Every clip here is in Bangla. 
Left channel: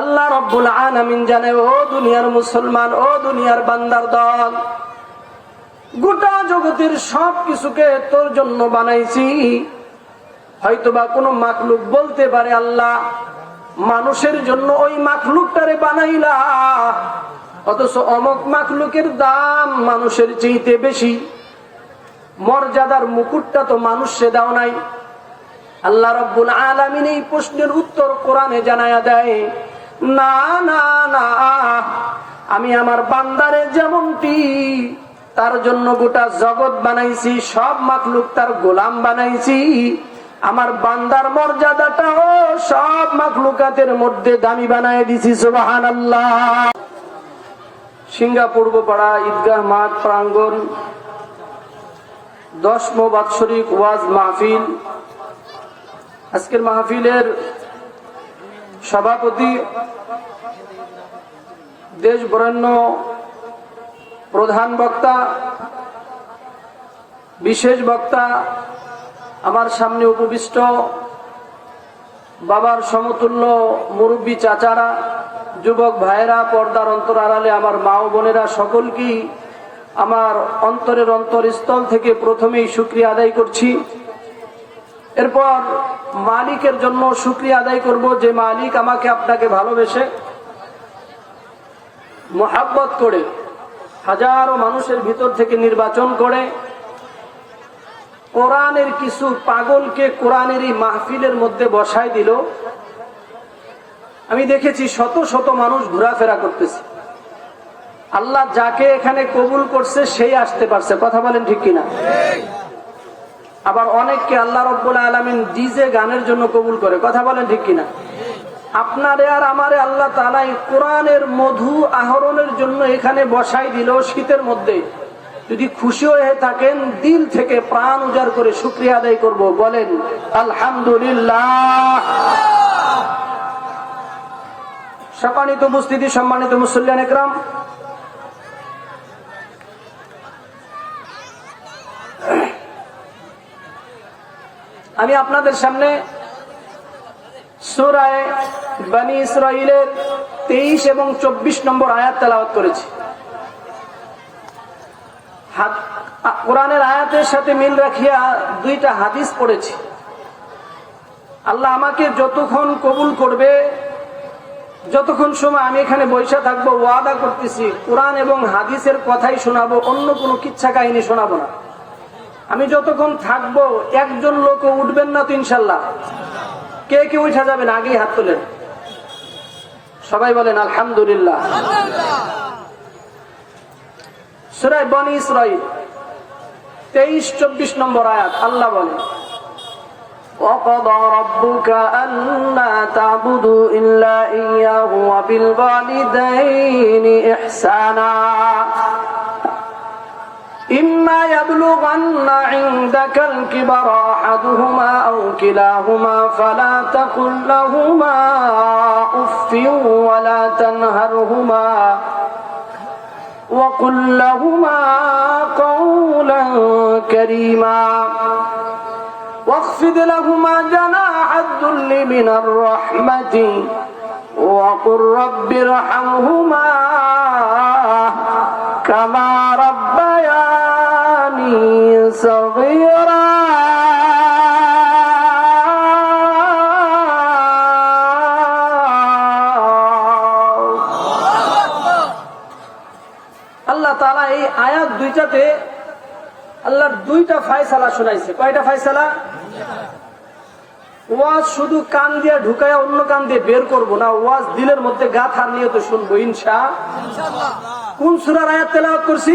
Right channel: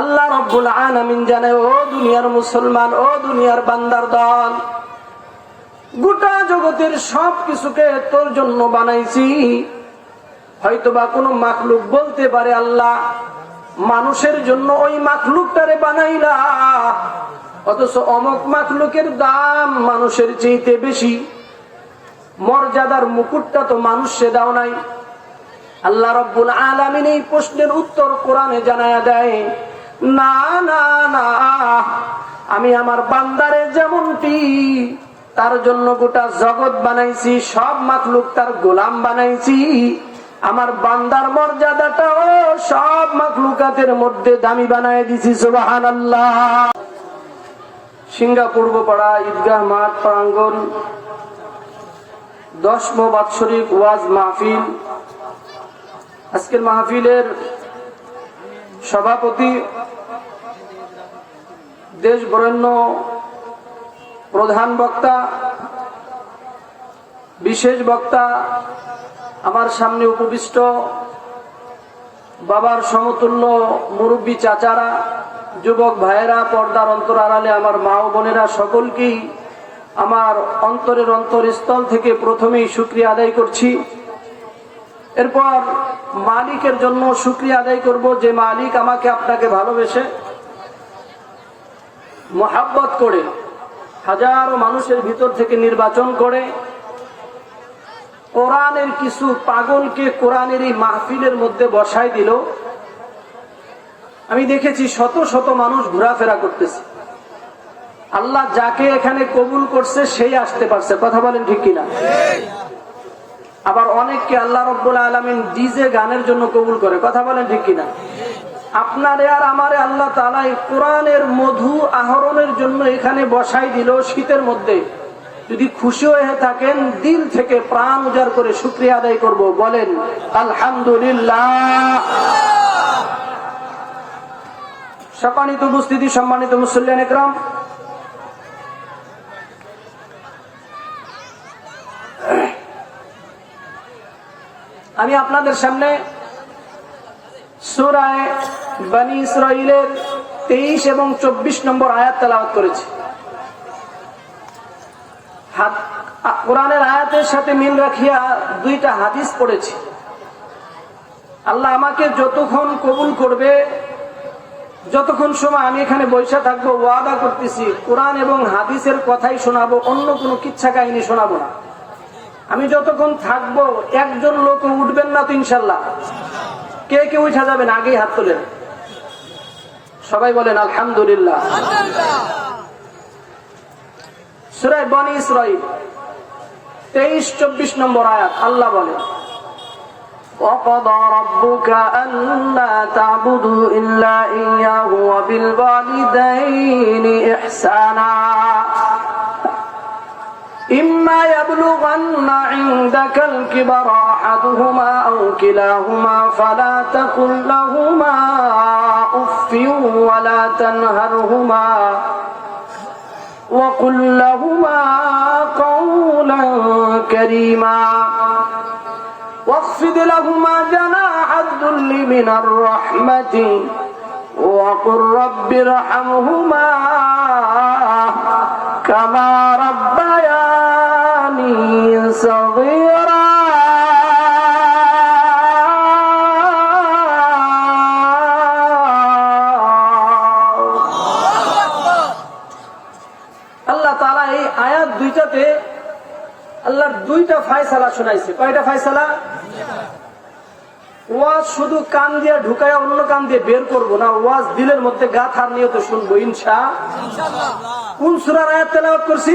আল্লাহ রাব্বুল আলামিন জানে, ও দুনিয়ার মুসলমান, ও দুনিয়ার বান্দার দল, গোটা জগতের সব কিছুকে তোর জন্য বানাইছি। হয়তোবা কোনো মাখলুক বলতে পারে, আল্লাহ মানুষের জন্য ওই মাখলুকটারে বানাইলা, অথচ অমুক মাখলুকের দাম মানুষের চাইতে বেশি, মর্যাদার মুকুটটা তো মানুষে দাও নাই। আল্লাহ রাব্বুল আলামিন এই প্রশ্নের উত্তর কোরআনে জানায়া দেয়, না না না, আমি আমার বান্দারে যেমনটি তার জন্য গোটা জগৎ বানাইছি, সব মাখলুক তার গোলাম বানাইছি, আমার বান্দার মর্যাদাটাও সব মাখলুকাতের মধ্যে দামি বানায় দিছি। সুবহানাল্লাহ। সিঙ্গাপুর পাড়া ঈদগাহ মাঠ প্রাঙ্গণ 10ম বাৎসরিক ওয়াজ মাহফিল। আজকের মাহফিলের সভাপতি, দেশ বরেণ্য প্রধান বক্তা, বিশেষ বক্তা, আমার সামনে উপবিষ্ট বাবার সমতুল্য মুরব্বী চাচারা, যুবক ভাইয়েরা, পর্দার অন্তর আড়ালে আমার মা ও বোনেরা, সকলকেই আমার অন্তরের অন্তরস্থল থেকে প্রথমেই শুকরিয়া আদায় করছি। এরপর মালিকের জন্য শুকরিয়া আদায় করব, যে মালিক আমাকে আপনাকে ভালোবেসে মোহাব্বত করে হাজারো মানুষের ভিতর থেকে নির্বাচন করে কোরআনের কিছু পাগলকে কোরআনের এই মাহফিলের মধ্যে বসায় দিল। আমি দেখেছি শত শত মানুষ ঘোরাফেরা করতেছে। আল্লাহ যাকে এখানে কবুল করছে সেই আসতে পারছে, কথা বলেন ঠিক কিনা? আবার অনেককে আল্লাহ রাব্বুল আলামিন ডিজে গানের জন্য কবুল করে, কথা বলেন ঠিক কিনা? আপনারে আর আমারে আল্লাহ তাআলা এই কোরআনের মধু আহরণের জন্য এখানে বসাই দিল শীতের মধ্যে। যদি খুশি হয়ে থাকেন, দিল থেকে প্রাণ উজাড় করে শুকরিয়া আদায় করব, বলেন আলহামদুলিল্লাহ। সম্মানিত উপস্থিতি, সম্মানিত মুসল্লিয়ান ইকরাম, আমি আপনাদের সামনে সূরা বনী ইসরাঈলের 23 এবং 24 নম্বর আয়াত তেলাওয়াত করেছি। কোরআনের আয়াতের সাথে মিল রাখিয়া দুইটা হাদিস পড়েছি। আল্লাহ আমাকে যতক্ষণ কবুল করবে, যতক্ষণ সময় আমি এখানে বসে থাকবো, ওয়াদা করতেছি কোরআন এবং হাদিসের কথাই শোনাবো, অন্য কোনো কিচ্ছা কাহিনী শোনাবো না। আমি যতক্ষণ থাকবো একজন লোক উঠবেন না তো ইনশাল্লাহ? কে কে উঠা যাবেন? আগেই হাত তোলেন, সবাই বলেন আলহামদুলিল্লাহ। সূরা বনী ইসরাঈল 23-24 নম্বর আয়াত, আল্লাহ বলেন, وَقَضَى رَبُّكَ أَلَّا تَعْبُدُوا إِلَّا إِيَّاهُ وَبِالْوَالِدَيْنِ إِحْسَانًا إِمَّا يَبْلُغَنَّ عِندَكَ الْكِبَرَ أَحَدُهُمَا أَوْ كِلَاهُمَا فَلَا تَقُل لَّهُمَا أُفٍّ وَلَا تَنْهَرْهُمَا وَقُل لَّهُمَا قَوْلًا كَرِيمًا واخفض لهما جناح الذل من الرحمة وقل رب ارحمهما كما ربياني صغيرا আল্লাহ তাআলা এই আয়াত দুইটাতে আল্লাহর দুইটা ফায়সালা শোনাইছে। কয়টা ফায়সালা? ওয়াজ শুধু কান দিয়ে ঢুকায় অন্য কান দিয়ে বের করবো না, ওয়াজ দিলের মধ্যে গাথার নিয়তে শুনবো ইনশাআল্লাহ। কোন সূরার আয়াত তেলাওয়াত করছি?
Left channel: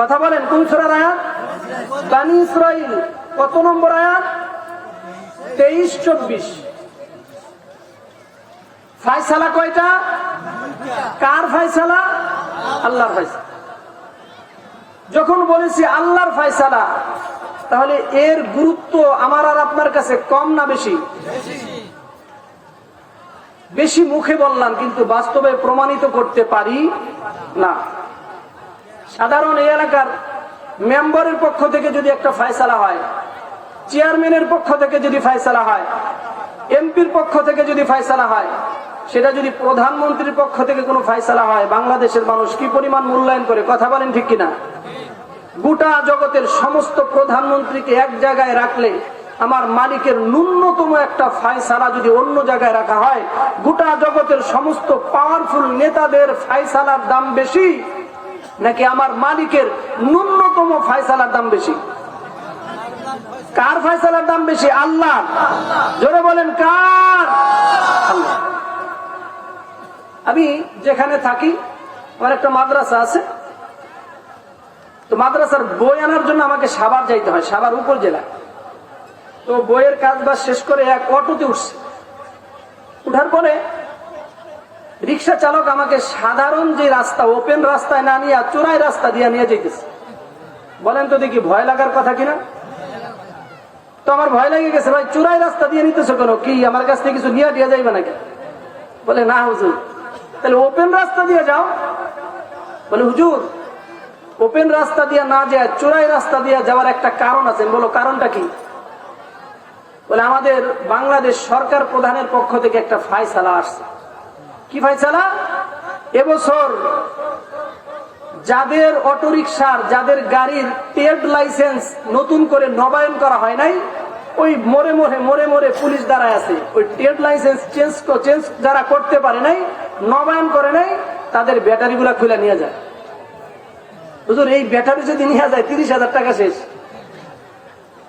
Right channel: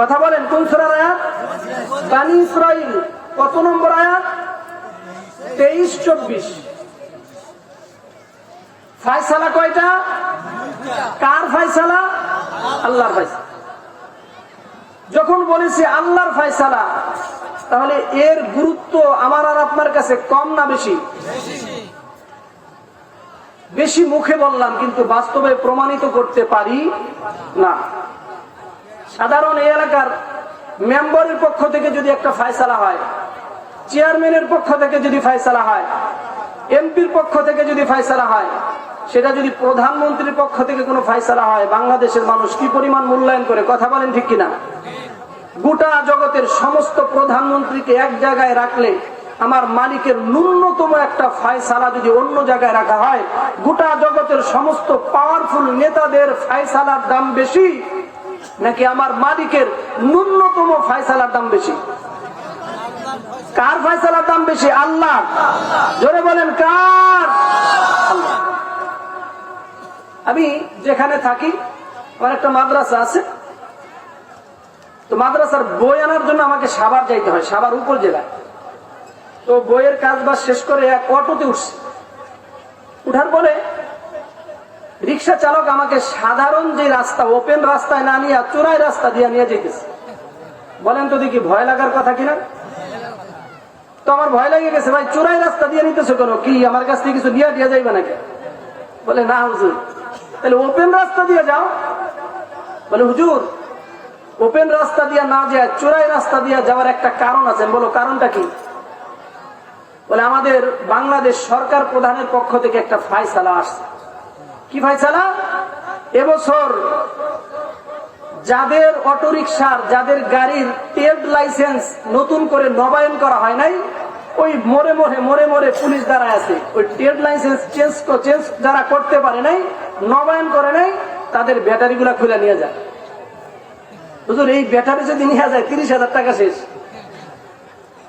কথা বলেন, কোন সূরার আয়াত? বনী ইসরাঈল। কত নম্বর আয়াত? 23-24। ফায়সালা কয়টা? কার ফায়সালা? আল্লাহর ফায়সালা। যখন বলেছি আল্লাহর ফায়সালা, তাহলে এর গুরুত্ব আমার আর আপনার কাছে কম না বেশি? বেশি মুখে বললাম, কিন্তু বাস্তবে প্রমাণিত করতে পারি না। সাধারণ এই এলাকার মেম্বারের পক্ষ থেকে যদি একটা ফায়সালা হয়, চেয়ারম্যানের পক্ষ থেকে যদি ফায়সালা হয়, এমপির পক্ষ থেকে যদি ফায়সালা হয়, সেটা যদি প্রধানমন্ত্রীর পক্ষ থেকে কোনো ফায়সালা হয়, বাংলাদেশের মানুষ কি পরিমাণ মূল্যায়ন করে, কথা বলেন ঠিক কিনা? গোটা জগতের সমস্ত প্রধানমন্ত্রীকে এক জায়গায় রাখলে আমার মালিকের ন্যূনতম একটা ফায়সালা যদি অন্য জায়গায় রাখা হয়, গোটা জগতের সমস্ত পাওয়ারফুল নেতাদের ফায়সালার দাম বেশি নাকি আমার মালিকের ন্যূনতম ফায়সালার দাম বেশি? কার ফায়সালার দাম বেশি? আল্লাহ। জোরে বলেন কার? আল্লাহ। আমি যেখানে থাকি আমার একটা মাদ্রাসা আছে, তো মাদ্রাসার বই আনার জন্য আমাকে সাভার যাইতে হয়, সাভার উপর জেলায়। তো বইয়ের কাজ বাজ শেষ করে এক অটোতে উঠছি। উঠার পরে রিক্সা চালক আমাকে সাধারণ যে রাস্তা, ওপেন রাস্তায় না নিয়ে চোরাই রাস্তা দিয়ে নিয়ে যেতেছে। বলেন তো দেখি ভয় লাগার কথা কিনা? তো আমার ভয় লেগে গেছে, ভাই চোরাই রাস্তা দিয়ে নিতেছো কেন? কি আমার কাছ থেকে কিছু নিয়ে দিয়ে যাইবে নাকি? বলে না হুজুর। তাহলে ওপেন রাস্তা দিয়ে যাও। বলে হুজুর ওপেন রাস্তা দিয়ে না যায় চোরাই রাস্তা দিয়ে যাওয়ার একটা কারণ আছে। বলো কারণটা কি? বলে আমাদের বাংলাদেশ সরকার প্রধানের পক্ষ থেকে একটা ফায়সালা আসছে। কি ফায়সালা? এবছর যাদের অটোরিকশার, যাদের গাড়ির ট্রেড লাইসেন্স নতুন করে নবায়ন করা হয় নাই, ওই মোড়ে মোড়ে পুলিশ দাঁড়ায় আছে। ওই ট্রেড লাইসেন্স চেঞ্জ যারা করতে পারে নাই, নবায়ন করে নাই, তাদের ব্যাটারি গুলা খুলে নিয়ে যায়। হুজুর এই ব্যাটারি যদি নিয়ে যায় 30,000 টাকা শেষ।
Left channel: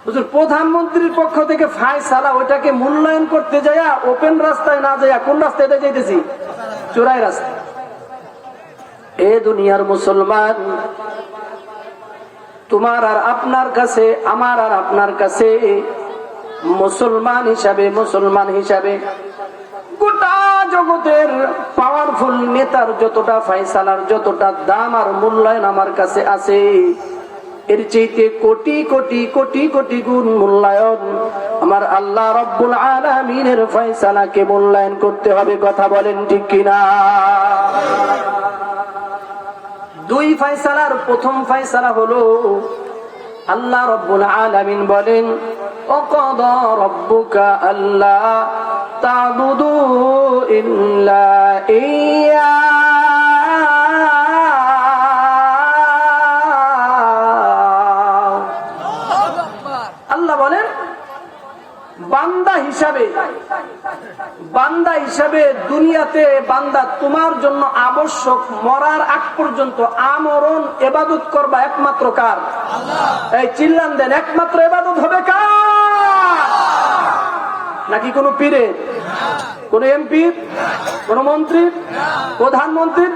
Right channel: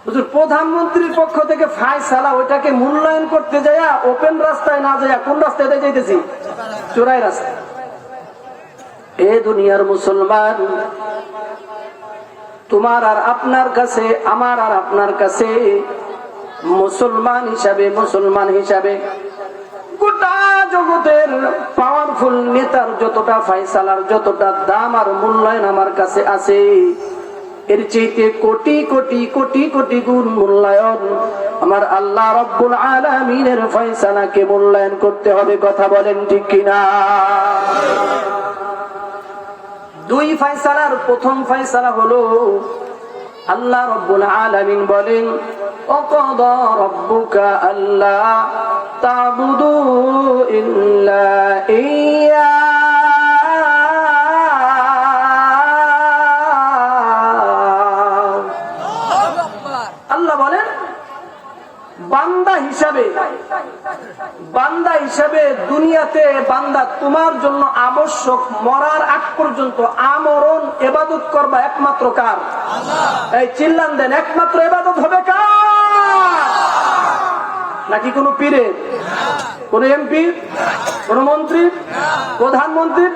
হুজুর প্রধানমন্ত্রীর পক্ষ থেকে ফায়সালা, ওইটাকে মূল্যায়ন করতে যায় ওপেন রাস্তায় না যায় কোন রাস্তায় যাইতেছি? চোরাই রাস্তায়। এ দুনিয়ার মুসলমান, তোমার আর আপনার কাছে, আমার আর আপনার কাছে মুসলমান হিসাবে গোটা জগতের পাওয়ারফুল নেতার যতটা ফায়সালার যতটা দাম আর মূল্যায়ন আমার কাছে আছে, এর চাইতে কোটি কোটি কোটি কোটি গুণ মূল্যায়ন আমার আল্লাহ রাব্বুল আলামিনের ফায়সালাকে মূল্যায়ন করতে হবে। কথা বলেন ঠিক কিনা? দুই ফায়সালার প্রথম ফায়সালা হলো আল্লাহ রাব্বুল আলামিন বলেন, ওয়াকাদা রাব্বুকা আল্লা তা'বুদু ইল্লা ইয়্যা। আল্লাহ বলেন বান্দা হিসাবে দুনিয়াতে বান্দা তোমার জন্য আবশ্যক, মরার আগ পর্যন্ত আমরণ ইবাদত করবা একমাত্র কার? এই চিল্লান দেন, একমাত্র ইবাদত হবে কার? নাকি কোন পীরের, কোন এমপির, কোন মন্ত্রীর, প্রধানমন্ত্রীর?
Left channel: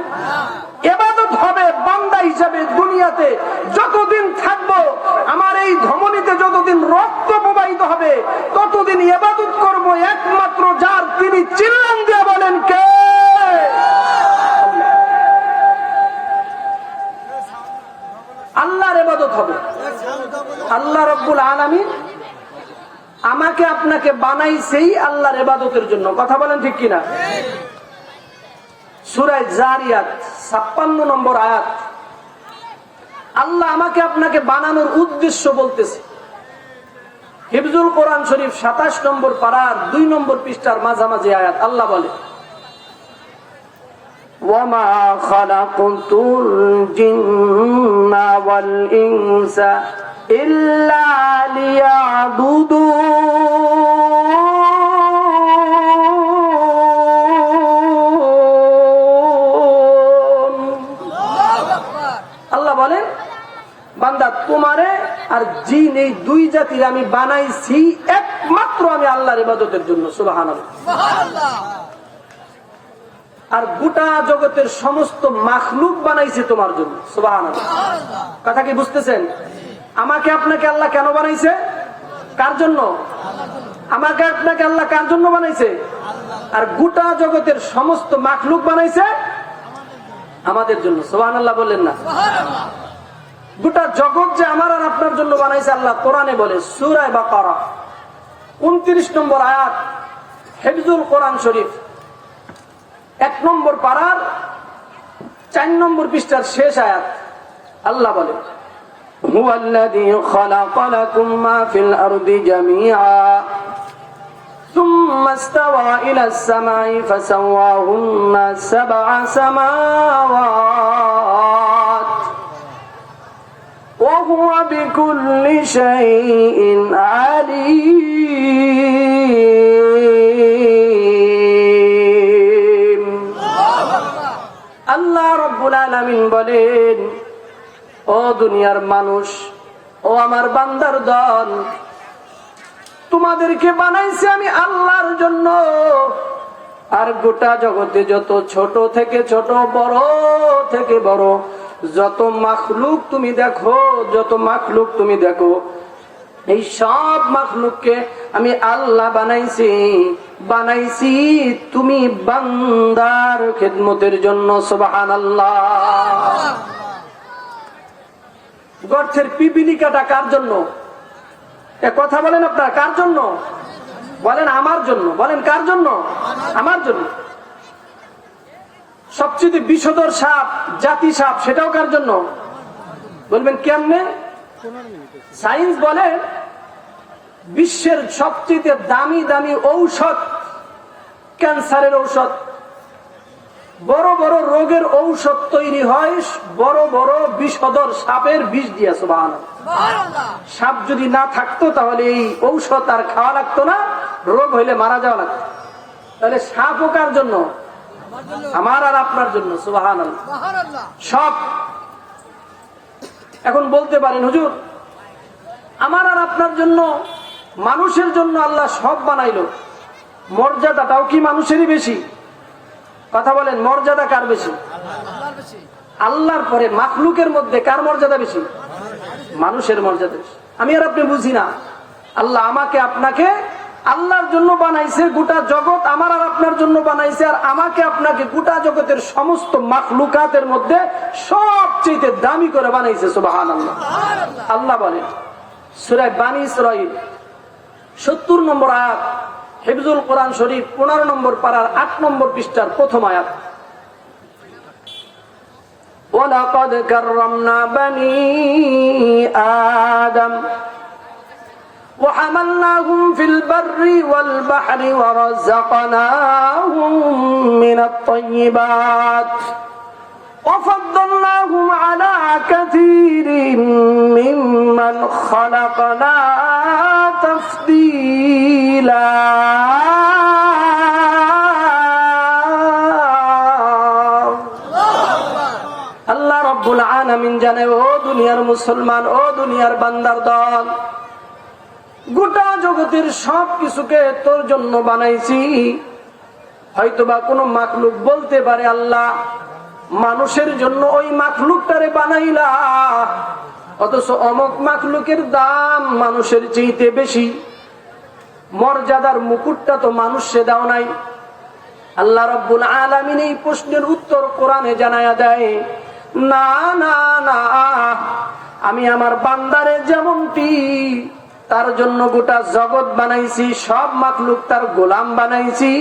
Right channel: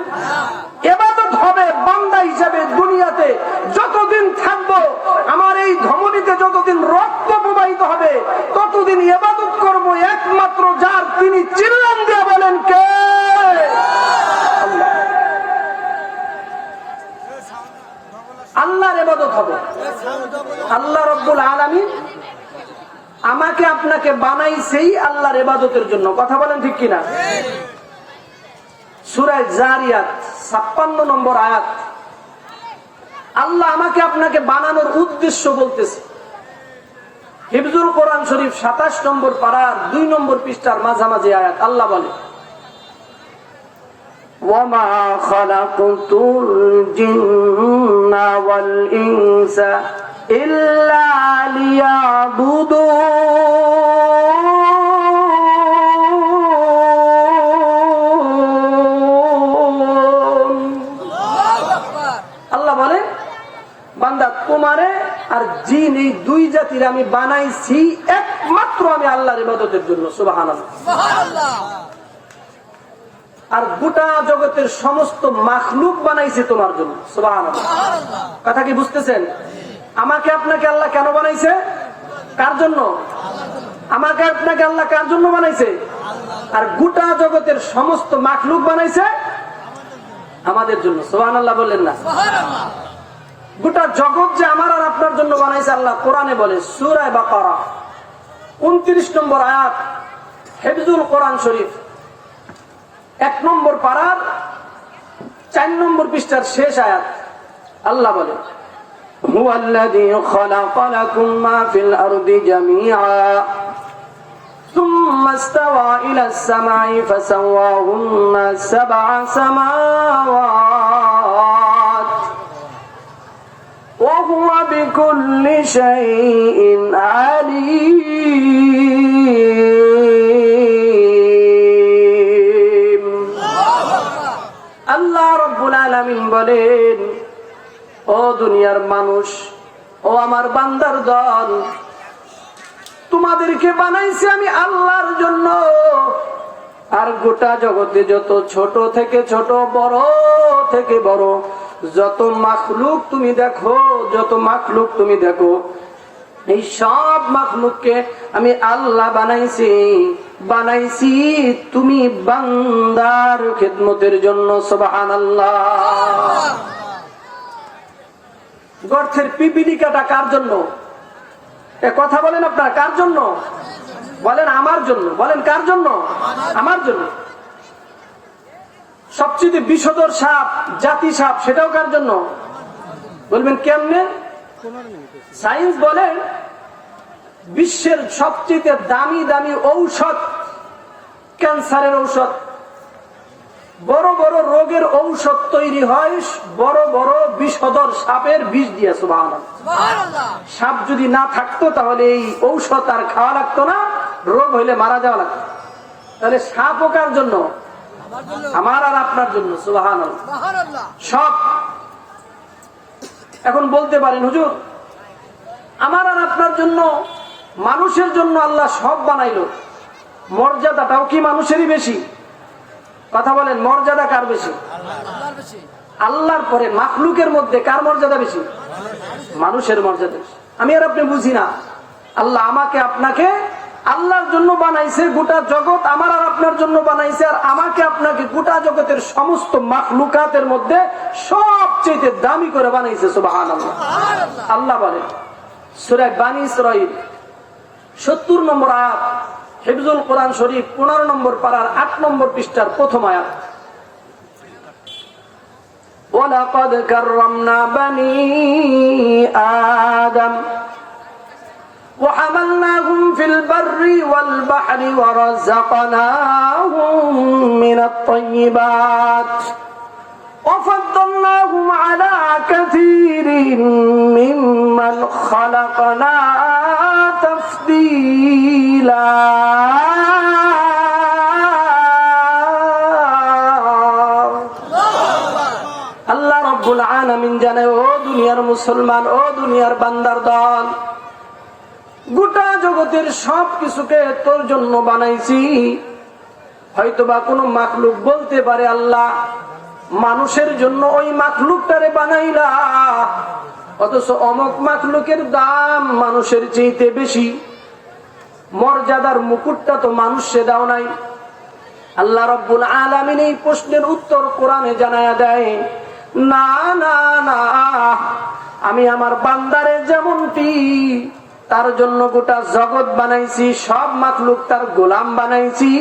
ইবাদত হবে বান্দা হিসাবে দুনিয়াতে যতদিন থাকবো, আমার এই ধমনীতে যতদিন রক্ত প্রবাহিত হবে, ততদিন ইবাদত করব একমাত্র যার, তিনি চিল্লান দিয়ে বলেন কে? আল্লাহর ইবাদত হবে। আল্লাহ রাব্বুল আলামিন আমাকে আপনাকে বানাইছেই আল্লাহর ইবাদতের জন্য। কথা বলেন ঠিক কিনা? সূরা জারিয়াত 56 নম্বর আয়াত। আল্লাহ আমাকে আপনাকে বানানোর উদ্দেশ্য বলতেছে। হিফজুল কোরআন শরীফ 27 নম্বর পারার 2 নম্বর পৃষ্ঠার মাঝামাঝি আয়াত। আল্লাহ বলে, ওয়ামা খালাকতুল জিন্না ওয়াল ইনসা ইল্লা লিয়াবুদুন। আল্লাহ বলে, বান্দা তোমারে আর জিন এই দুই জাতির আমি বানাইছি একমাত্র আমি আল্লাহর ইবাদতের জন্য। সুবহানাল্লাহ। আর গোটা জগতের সমস্ত মাখলুক বানাইছে তোমার জন্য। সুবহানাল্লাহ। কথা কি বুঝতেছেন? আমাকে আপনাকে আল্লাহ কেন বানাইছে? কার জন্য? আমাকে আপনাকে আল্লাহ কার জন্য বানাইছে? আর গোটা জগতের সমস্ত মাখলুক বানাইছে আমাদের জন্য। সুবহানাল্লাহ বললেন না? গোটা জগৎ যে আমার আর আপনার জন্য বানাইছে আল্লাহ কোরআনে বলে, সূরা বাকারা 29 নম্বর আয়াত, হিফজুল কোরআন শরীফ 1 নম্বর পারার 4 নম্বর পৃষ্ঠার শেষ আয়াত। আল্লাহ বলে, হুয়াল্লাযী খালাকা লাকুম মা ফিল আরদি জামিআ সুম্মা ثم استوى إلى السماء فسواهن 7 سماوات وهو بكل شيء عليم আল্লাহ রাব্বুল আলামিন বলেন, ও দুনিয়ার মানুষ, ও আমার বান্দার দল, তোমাদেরকে বানাইছি আমি আল্লাহর জন্য। আর গোটা জগতে যত ছোট থেকে ছোট, বড় থেকে বড় যত মাখলুক তুমি দেখো, এই সব মাখলুককে আমি আল্লাহ বানাইছি তুমি বান্দার খেদমতের জন্য। সুবহানাল্লাহ। গর্তের পিপিলিকাটা কার জন্য? এ কথা বলেন আপনারা, কার জন্য? বলেন আমার জন্য। বলেন কার জন্য? আমার জন্য। সবচেয়ে বিষধর সাপ, জাতি সাপ, সেটাও কার জন্য? বলবেন কেমনে? সায়েন্স বলে বিশ্বের সবচেয়ে দামি দামি ঔষধ, ক্যান্সারের ঔষধ, বড় বড় রোগের ঔষধ তৈরি হয় বড় বড় বিষধর সাপের বিষ দিয়ে। সুবহানাল্লাহ। সাপ যদি না থাকতো তাহলে এই ঔষধ আর খাওয়া লাগতো না, রোগ হইলে মারা যাওয়া লাগতো। তাহলে সাপ ও কার জন্য? আমার আর আপনার জন্য। সুবহানাল্লাহ। সব। এখন বলতে পারেন, হুজুর আমার আর আপনার জন্য, মানুষের জন্য আল্লাহ সব বানাইলো, মর্যাদাটাও কি মানুষেরই বেশি? কথা বলেন, মর্যাদা কার বেশি? আল্লাহর পরে মাখলুকের মধ্যে কার মর্যাদা বেশি? মানুষের মর্যাদা বেশি। আমি আর আপনি বুঝি না, আল্লাহ আমাকে আপনাকে আল্লাহর জন্য বানাইছে, গোটা জগৎ আমার আর আপনার জন্য বানাইছে, আর আমাকে আপনাকে গোটা জগতের সমস্ত মাখলুকাতের মধ্যে সবচেয়ে দামি করে বানাইছে। সুবহানাল্লাহ। আল্লাহ বলেন সূরা বানী ইসরাঈল 70 নম্বর আয়াত, হিফজুল কোরআন শরীফ 15 নম্বর পারার 8 নম্বর পৃষ্ঠার প্রথম আয়াত, ওয়ালাকাদ কাররামনা বানী আদম وحملناهم في البر والبحر ورزقناهم من الطيبات وفضلناهم على كثير ممن خلقنا تفضيلا আল্লাহ রাব্বুল আলামিন জানে, ও দুনিয়ার মুসলমান, ও দুনিয়ার বান্দার দল, গোটা জগতের সব কিছুকে তোর জন্য বানাইছি। হয়তোবা কোনো মাখলুক বলতে পারে, আল্লাহ মানুষের জন্য ওই মাখলুকটারে বানাইলা, অথচ অমুক মাখলুকের দাম মানুষের চাইতে বেশি, মর্যাদার মুকুটটা তো মানুষে দাও নাই। আল্লাহ রাব্বুল আলামিন এই প্রশ্নের উত্তর কোরআনে জানায়া দেয়, না না না, আমি আমার বান্দারে যেমনটি তার জন্য গোটা জগৎ বানাইছি, সব মাখলুক তার গোলাম বানাইছি,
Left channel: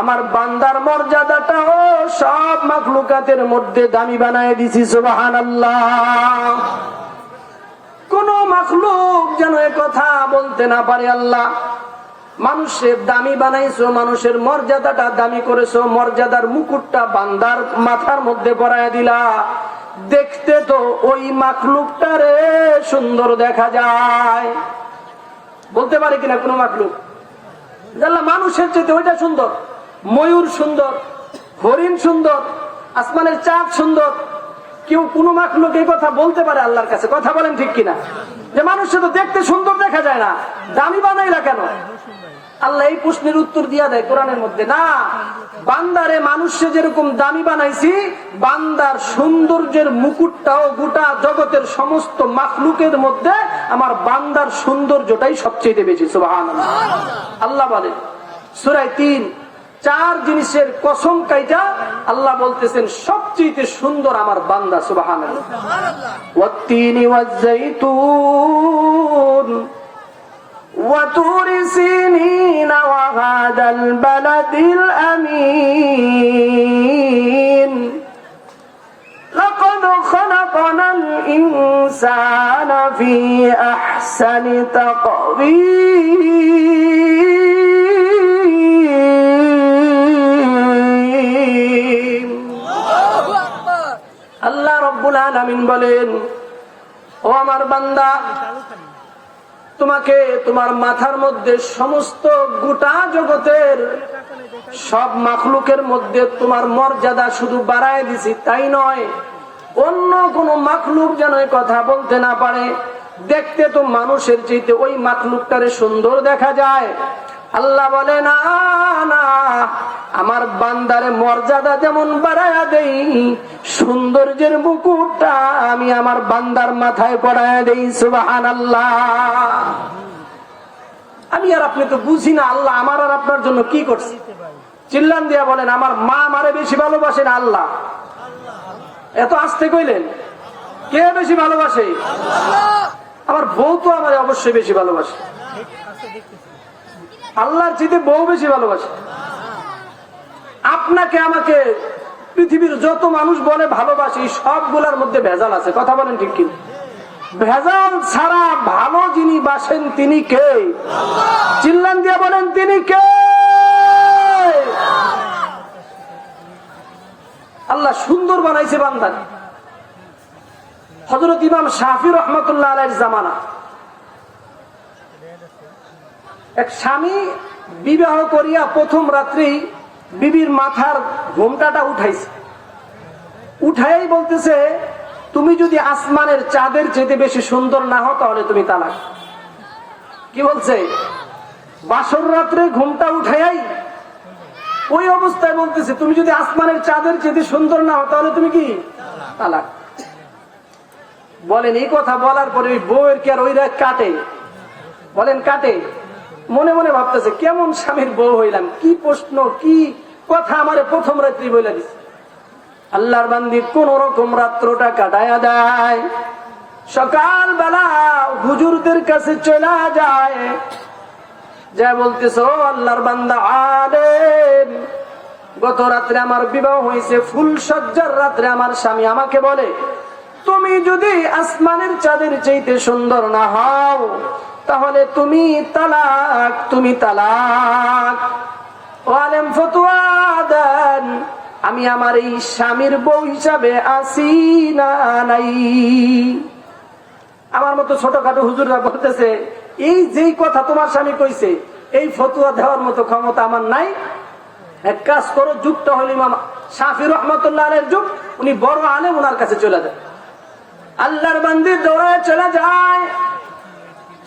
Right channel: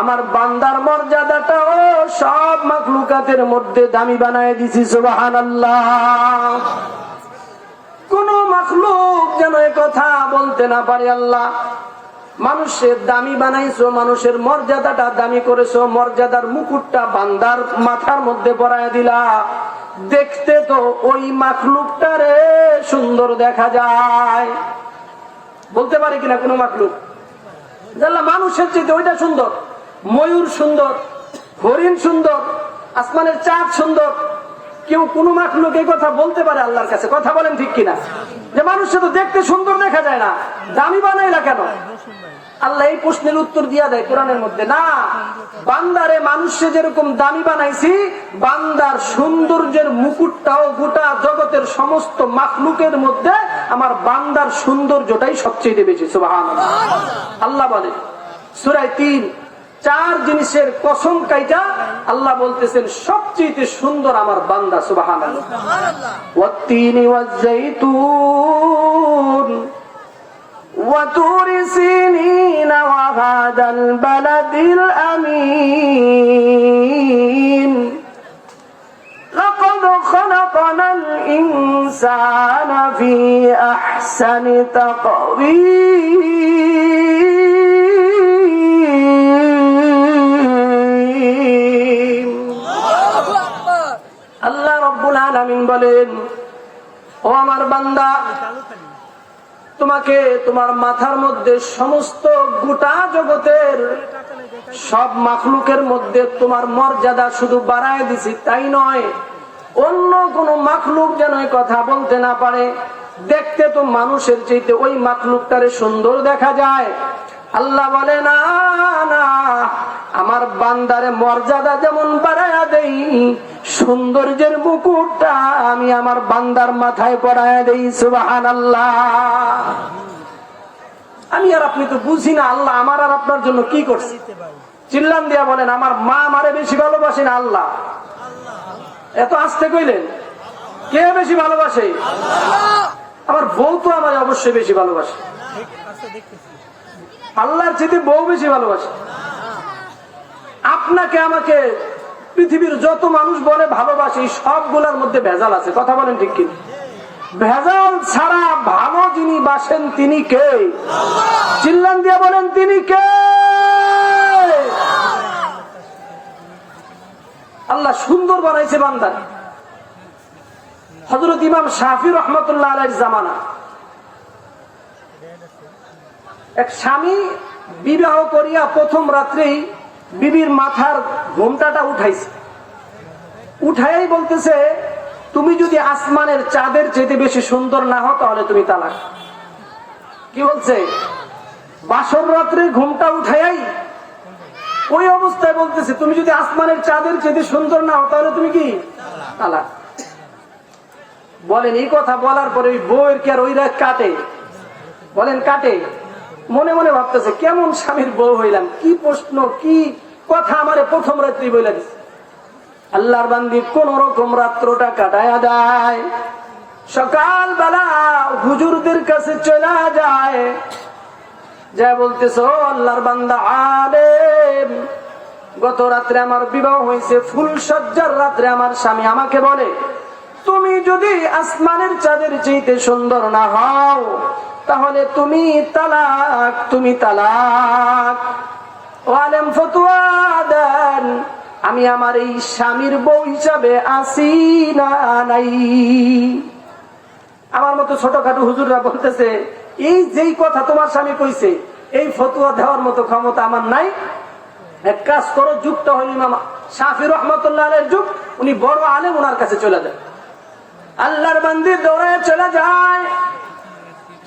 আমার বান্দার মর্যাদাটাও সব মাখলুকাতের মধ্যে দামি বানায় দিছি। সুবহানাল্লাহ। কোন মাখলুক যেন এ কথা বলতে না পারে, আল্লাহ মানুষের দামি বানাইছো, মানুষের মর্যাদাটা দামি করেছো, মর্যাদার মুকুটটা বান্দার মাথার মধ্যে পরায় দিলা, দেখতে তো ওই মাখলুকটারে সুন্দর দেখা যায়। বলতে পারে কিনা কোন মাখলুক, আল্লাহ মানুষের চেয়ে ওইটা সুন্দর, ময়ূর সুন্দর, হরিণ সুন্দর, আসমানের চাঁদ সুন্দর? কেউ কোন মাখলুক এই কথা বলতে পারে আল্লাহর কাছে? কথা বলেন ঠিক কিনা? যে মানুষে তো দেখতে সুন্দর দেখা যায় না, দামি বানাইলা কেন? আল্লাহ এই প্রশ্নের উত্তর দিয়া দেয় কোরআনের মধ্যে, না, বান্দারে মানুষে যেরকম দামি বানাইছি, বান্দার সৌন্দর্যের মুকুটটাও গোটা জগতের সমস্ত মাখলুকের মধ্যে আমার বান্দার সৌন্দর্যটাই সবচেয়ে বেশি। সুবহানাল্লাহ। আল্লাহ বলেন সূরা 3, 4 জিনিসের কসম কাইটা আল্লাহ বলতেছেন সবচেয়ে সুন্দর আমার বান্দা। সুবহানাল্লাহ। ওয়াত-তিনি ওয়াজ-যাইতুন وطور سينين وهذا البلد الأمين لقد خلقنا الإنسان في أحسن تقويم আলামিন বলেন, ও আমার বান্দা, তোমাকে তোমার মাথার মধ্যে সমস্ত গোটা জগতের সব মাখলুকের মধ্যে তোমার মর্যাদা শুধু বাড়ায় দিছি, তাই নয়, অন্য কোন মাখলুক যেন কথা বলতে না পারে। দেখতে তো মানুষের চাইতে ওই মাখলুকটারে সুন্দর দেখা যায়। আল্লাহ বলে, না না, আমার বান্দারে মর্যাদা যেমন বাড়ায়া দেই, সৌন্দর্যের মুকুটটা আমি আমার বান্দার মাথায় পড়ায়া দেই। সুবহানাল্লাহ। আমি আর আপনি তো বুঝি না আল্লাহ আমার আর আপনার জন্য কি করছে। চিল্লান দিয়া বলেন, আমার মা আমারে বেশি ভালোবাসে না আল্লাহ? এত আস্তে কইলেন, কে বেশি ভালোবাসে? আমার বউ তো আমার অবশ্যই বেশি ভালোবাসে। আল্লাহর চেয়ে বউ বেশি ভালোবাসে। আপনাকে আমাকে পৃথিবীর যত মানুষ বলে ভালোবাসি, সবগুলোর মধ্যে ভেজাল আছে। কথা বলেন ঠিক কি? ভেজাল ছাড়া ভালো যিনি বাসেন তিনি কে? চিল্লান দিয়া বলেন, তিনি কে? আল্লাহ সুন্দর বানাইছে বান্দা। হযরত ইমাম শাফি রহমাতুল্লাহ আলাইহির জামানা এক স্বামী বিবাহ করিয়া প্রথম রাত্রেই বিবির মাথার ঘোমটাটা উঠাইছে। উঠাই বলতেছে, তুমি যদি আসমানের চাঁদের চেয়ে বেশি সুন্দর না হও তাহলে তুমি তালাক। কি বলছে? বাসর রাত্রে ঘোমটা উঠাই ওই অবস্থায় বলতেছে, তুমি যদি আসমানের চাঁদের চেয়ে সুন্দর না হও তাহলে তুমি কি? তালাক। বলেন, এই কথা বলার পরে ওই বউয়ের কি আর ওই রাত কাটে? বলেন কাটে? মনে মনে ভাবতেছে, কেমন স্বামীর বউ হইলাম, কি প্রশ্ন, কি কথা আমারে প্রথম রাত্রি বলে দিচ্ছে। আল্লাহর বান্দি কোন রকম রাত্রটা কাটায়া দেয়। সকাল বেলা হুজুরদের কাছে চলে যায়, যা বলতেছে, ও আল্লাহর বান্দা আলেম, গত রাত্রে আমার বিবাহ হয়েছে, ফুল সজ্জার রাত্রে আমার স্বামী আমাকে বলে, তুমি যদি আসমানের চাঁদের চাইতে সুন্দর না হও তাহলে তুমি তালাক, তুমি তালাক। ও আলেম, ফতোয়া দেন, আমি আমার এই স্বামীর বউ হিসাবে আসি না নাই? আমার মতো ছোটখাটো হুজুররা বলতেছে, এই যেই কথা তোমার স্বামী কইছে, এই ফতোয়া দেওয়ার মতো ক্ষমতা আমার নাই। এক কাজ করো, যুগটা হল ইমাম শাফি রহমাতুল্লাহ আলাইহির যুগ, উনি বড় আলেম, ওনার কাছে চলে যায়। আল্লাহর বান্দি দৌড়ায় চলে যায়,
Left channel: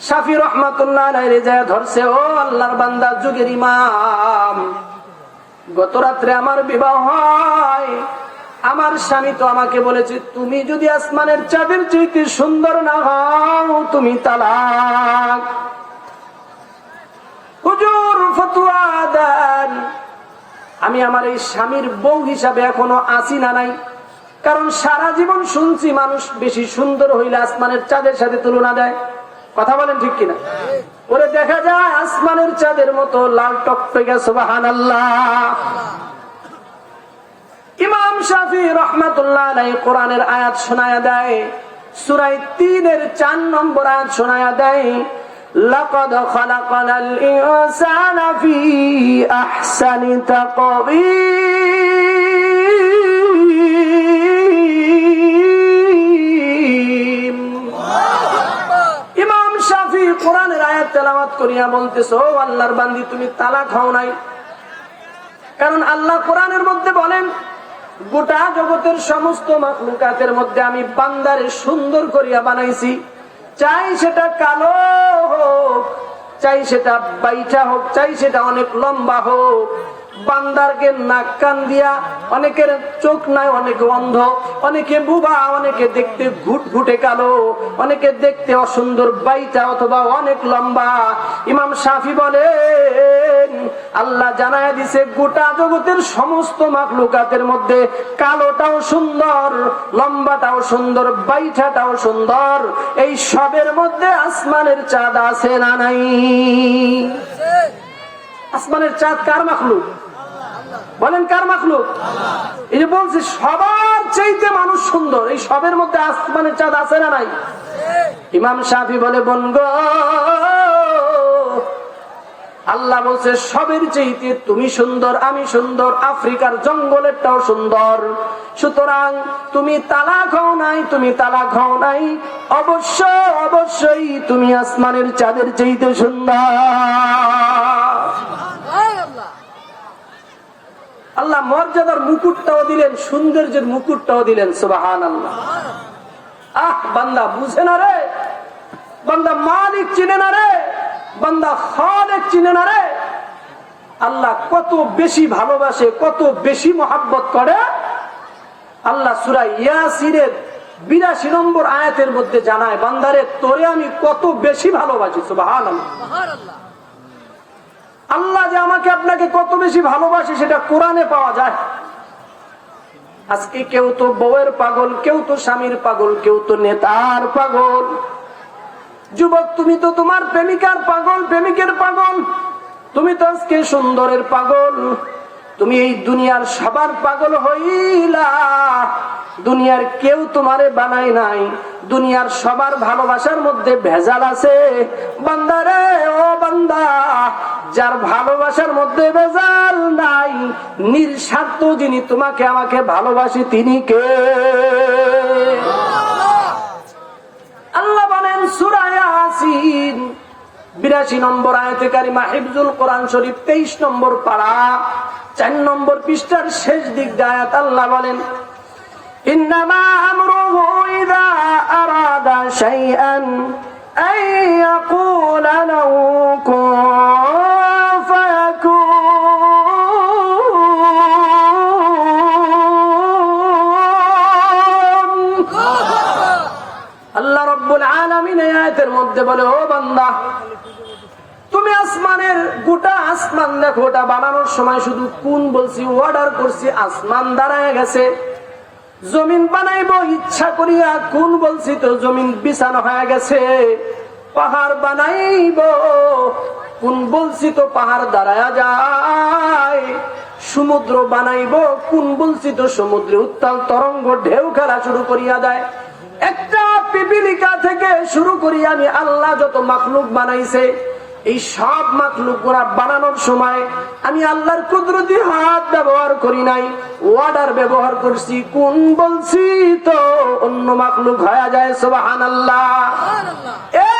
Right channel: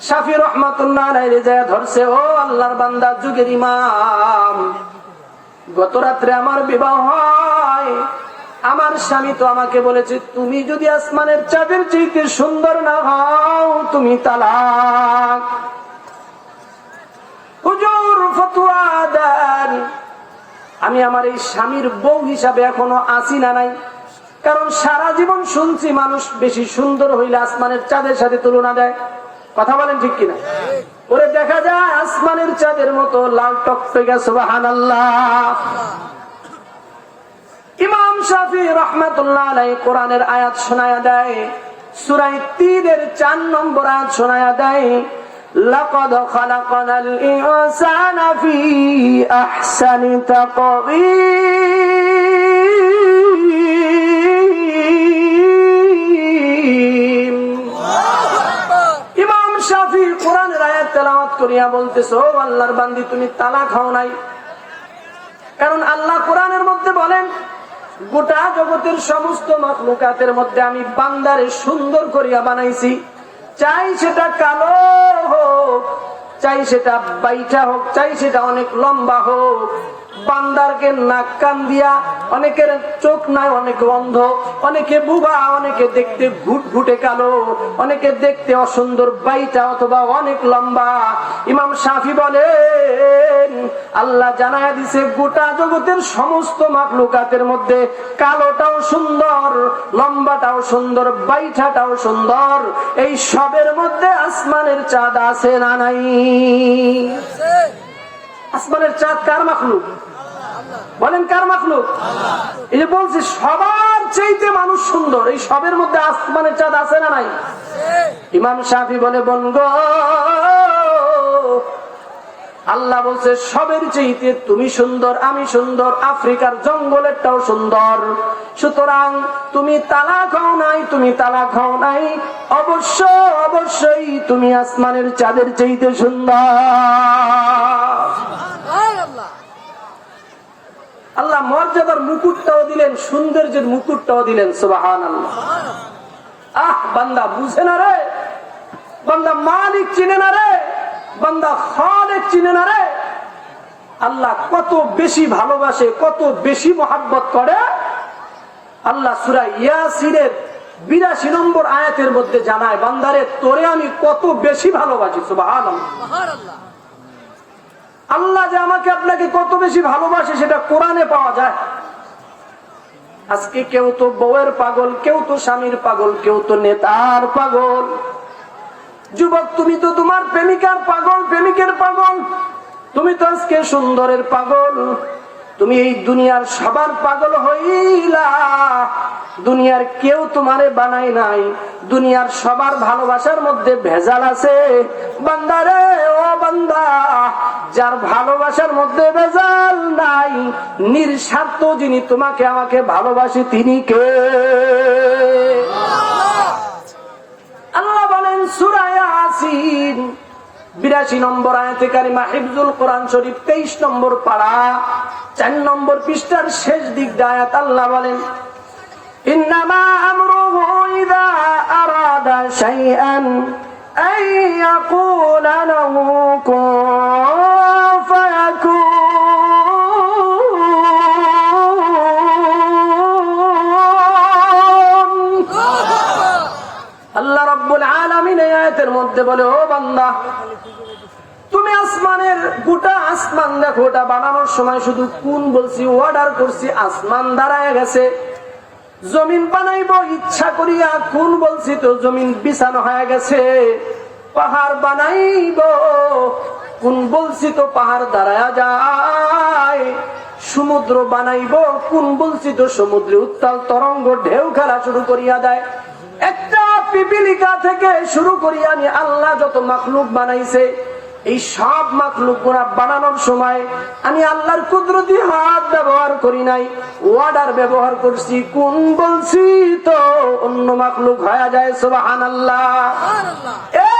শাফি রহমাতুল্লাহ আলাইহি যায় ধরছে, ও আল্লাহর বান্দা, যুগের ইমাম, গত রাত্রে আমার বিবাহ হয়, আমার স্বামী তো আমাকে বলেছে, তুমি যদি আসমানের চাঁদের চেয়ে সুন্দর না হও তুমি তালাক। হুজুর ফতোয়া দেন, আমি আমার এই স্বামীর বউ হিসাবে এখনো আসি না নাই? কারণ সারা জীবন শুনছি মানুষ বেশি সুন্দর হইলে আসমানের চাঁদের সাথে তুলনা দেয়। কথা বলেন ঠিক কিনা? ওরে দেখা যায় আসমানের চাঁদের মতো লাল টকটকে। সুবহানাল্লাহ। ইমাম শাফি রাহমাতুল্লাহ আলাইহি কোরআনের আয়াত শোনায়া দেয়, সূরা ৩-এর ৪ নম্বর আয়াত শোনায়া দেয়, লাকাদ খালাকানাল ইনসানা ফি আহসানি তাকওয়ীম। ইমাম শাফি কোরআনের আয়াত তেলাওয়াত করিয়া বলতেছে, ও আল্লাহর বান্দি, তুমি তালাক হও নাই। কারণ আল্লাহ কোরআনের মধ্যে বলেন, গোটা জগতের সমস্ত মাখলুকাতের মধ্যে আমি বান্দারে সুন্দর করিয়া বানাইছি, চাই সেটা কালো হোক, চাই সেটা বাইটা হোক, চাই সেটা অনেক লম্বা হোক। বান্দারকে নাক কান দিয়া, অনেকের চোখ নাই, অনেকে অন্ধ, অনেকে বুবা, অনেকে দেখতে ঘুটঘুটে কালো, অনেকে দেখতে অসুন্দর বাইটা অথবা অনেক লম্বা। ইমাম শাফি বলেন, আল্লাহ জানায়া দিছে গোটা জগতের সমস্ত মাখলুকাতের মধ্যে কালোটাও সুন্দর, লম্বাটাও সুন্দর, বাইঠাটাও সুন্দর। এই সবের মধ্যে আসমানের চাঁদ আছে না নাই? আসমানের চাঁদ কার মাখলুক? বলেন কার মাখলুক? এই যে বলছি সবার চাইতে মানুষ সুন্দর, এই সবের মধ্যে আসমানের চাঁদ আছে না নাই? ইমাম শাফি বলে, বনগো আল্লাহ বলছে সবের চাইতে তুমি সুন্দর, আমি সুন্দর, আফ্রিকার জঙ্গলেরটাও সুন্দর। সুতরাং তুমি তালাক হও নাই, তুমি তালাক হও নাই, অবশ্যই তুমি আসমানের চাঁদের চাইতে সুন্দর। আল্লাহ মর্যাদার মুকুটটাও দিলেন, সৌন্দর্যের মুকুটটাও দিলেন। সুবহানাল্লাহ। বান্দা বুঝে না রে, বান্দা মালিক চিনে না রে, বান্দা খালেক চিনে না রে। আল্লাহ কত বেশি ভালোবাসে, কত বেশি মহাব্বত করে। আল্লাহ সূরা ইয়াসিনের 82 নম্বর আয়াতের মধ্যে জানায়, বান্দারে তোরে আমি কত বেশি ভালোবাসি। সুবহানাল্লাহ। আল্লাহ যে আমাকে আপনাকে কত বেশি ভালোবাসে সেটা কোরআনে পাওয়া যায়। আজকে কেউ তো বউয়ের পাগল, কেউ তো স্বামীর পাগল, কেউ তো নেতার পাগল। যুবক তুমি তো তোমার প্রেমিকার পাগল, প্রেমিকের পাগল। তুমি তো আজকে সুন্দরের পাগল। তুমি এই দুনিয়ার সবার পাগল হইলা। দুনিয়ার কেউ তোমারে বানায় নাই। দুনিয়ার সবার ভালোবাসার মধ্যে ভেজাল আছে। বান্দারে ও বান্দা, যার ভালোবাসার মধ্যে ভেজাল নাই, নিঃস্বার্থ যিনি তোমাকে আমাকে ভালোবাসে তিনি কে? আল্লাহ বলেন সূরা ইয়াসিন 82 নম্বর আয়াতে কারিমা, হিফজুল কোরআন শরীফ 23 নম্বর পারা 4 নম্বর পৃষ্ঠার শেষ দিক আয়াত। আল্লাহ বলেন ইন্নামা আমরুহু ইযা আরাদা শাইআন আন ইয়াকুলা লাহু কুন ফায়াকুন। আল্লাহ রাব্বুল আলামিন এই আয়াতের মধ্যে বলে, ও বান্দা তুমি আসমানের গোটা আসমান দেখো, ওটা বানানোর সময় শুধু কোন বলছি, অর্ডার করছি, আসমান দাঁড়ায় গেছে। জমিন বানাইবো ইচ্ছা করিয়া কোন বলছি তো জমিন বিছানো হয়ে গেছে। পাহাড় বানাইবো কোন বলছি তো পাহাড় দাঁড়ায়া যায়। সমুদ্র বানাইবো কোন বলছি তো সমুদ্রে উত্তাল তরঙ্গ ঢেউ খেলা শুরু করিয়া দেয়। একটা পিপিলিকা থেকে শুরু করি আমি আল্লাহ যত মাখলুক বানাইছে, এই সব মাখলুক গুলা বানানোর সময় আমি আল্লাহর কুদরতি হাত ব্যবহার করি নাই, অর্ডার ব্যবহার করছি। কোন বলছি তো অন্য মাখলুক হয়ে যায়। সুবহানাল্লাহ। এ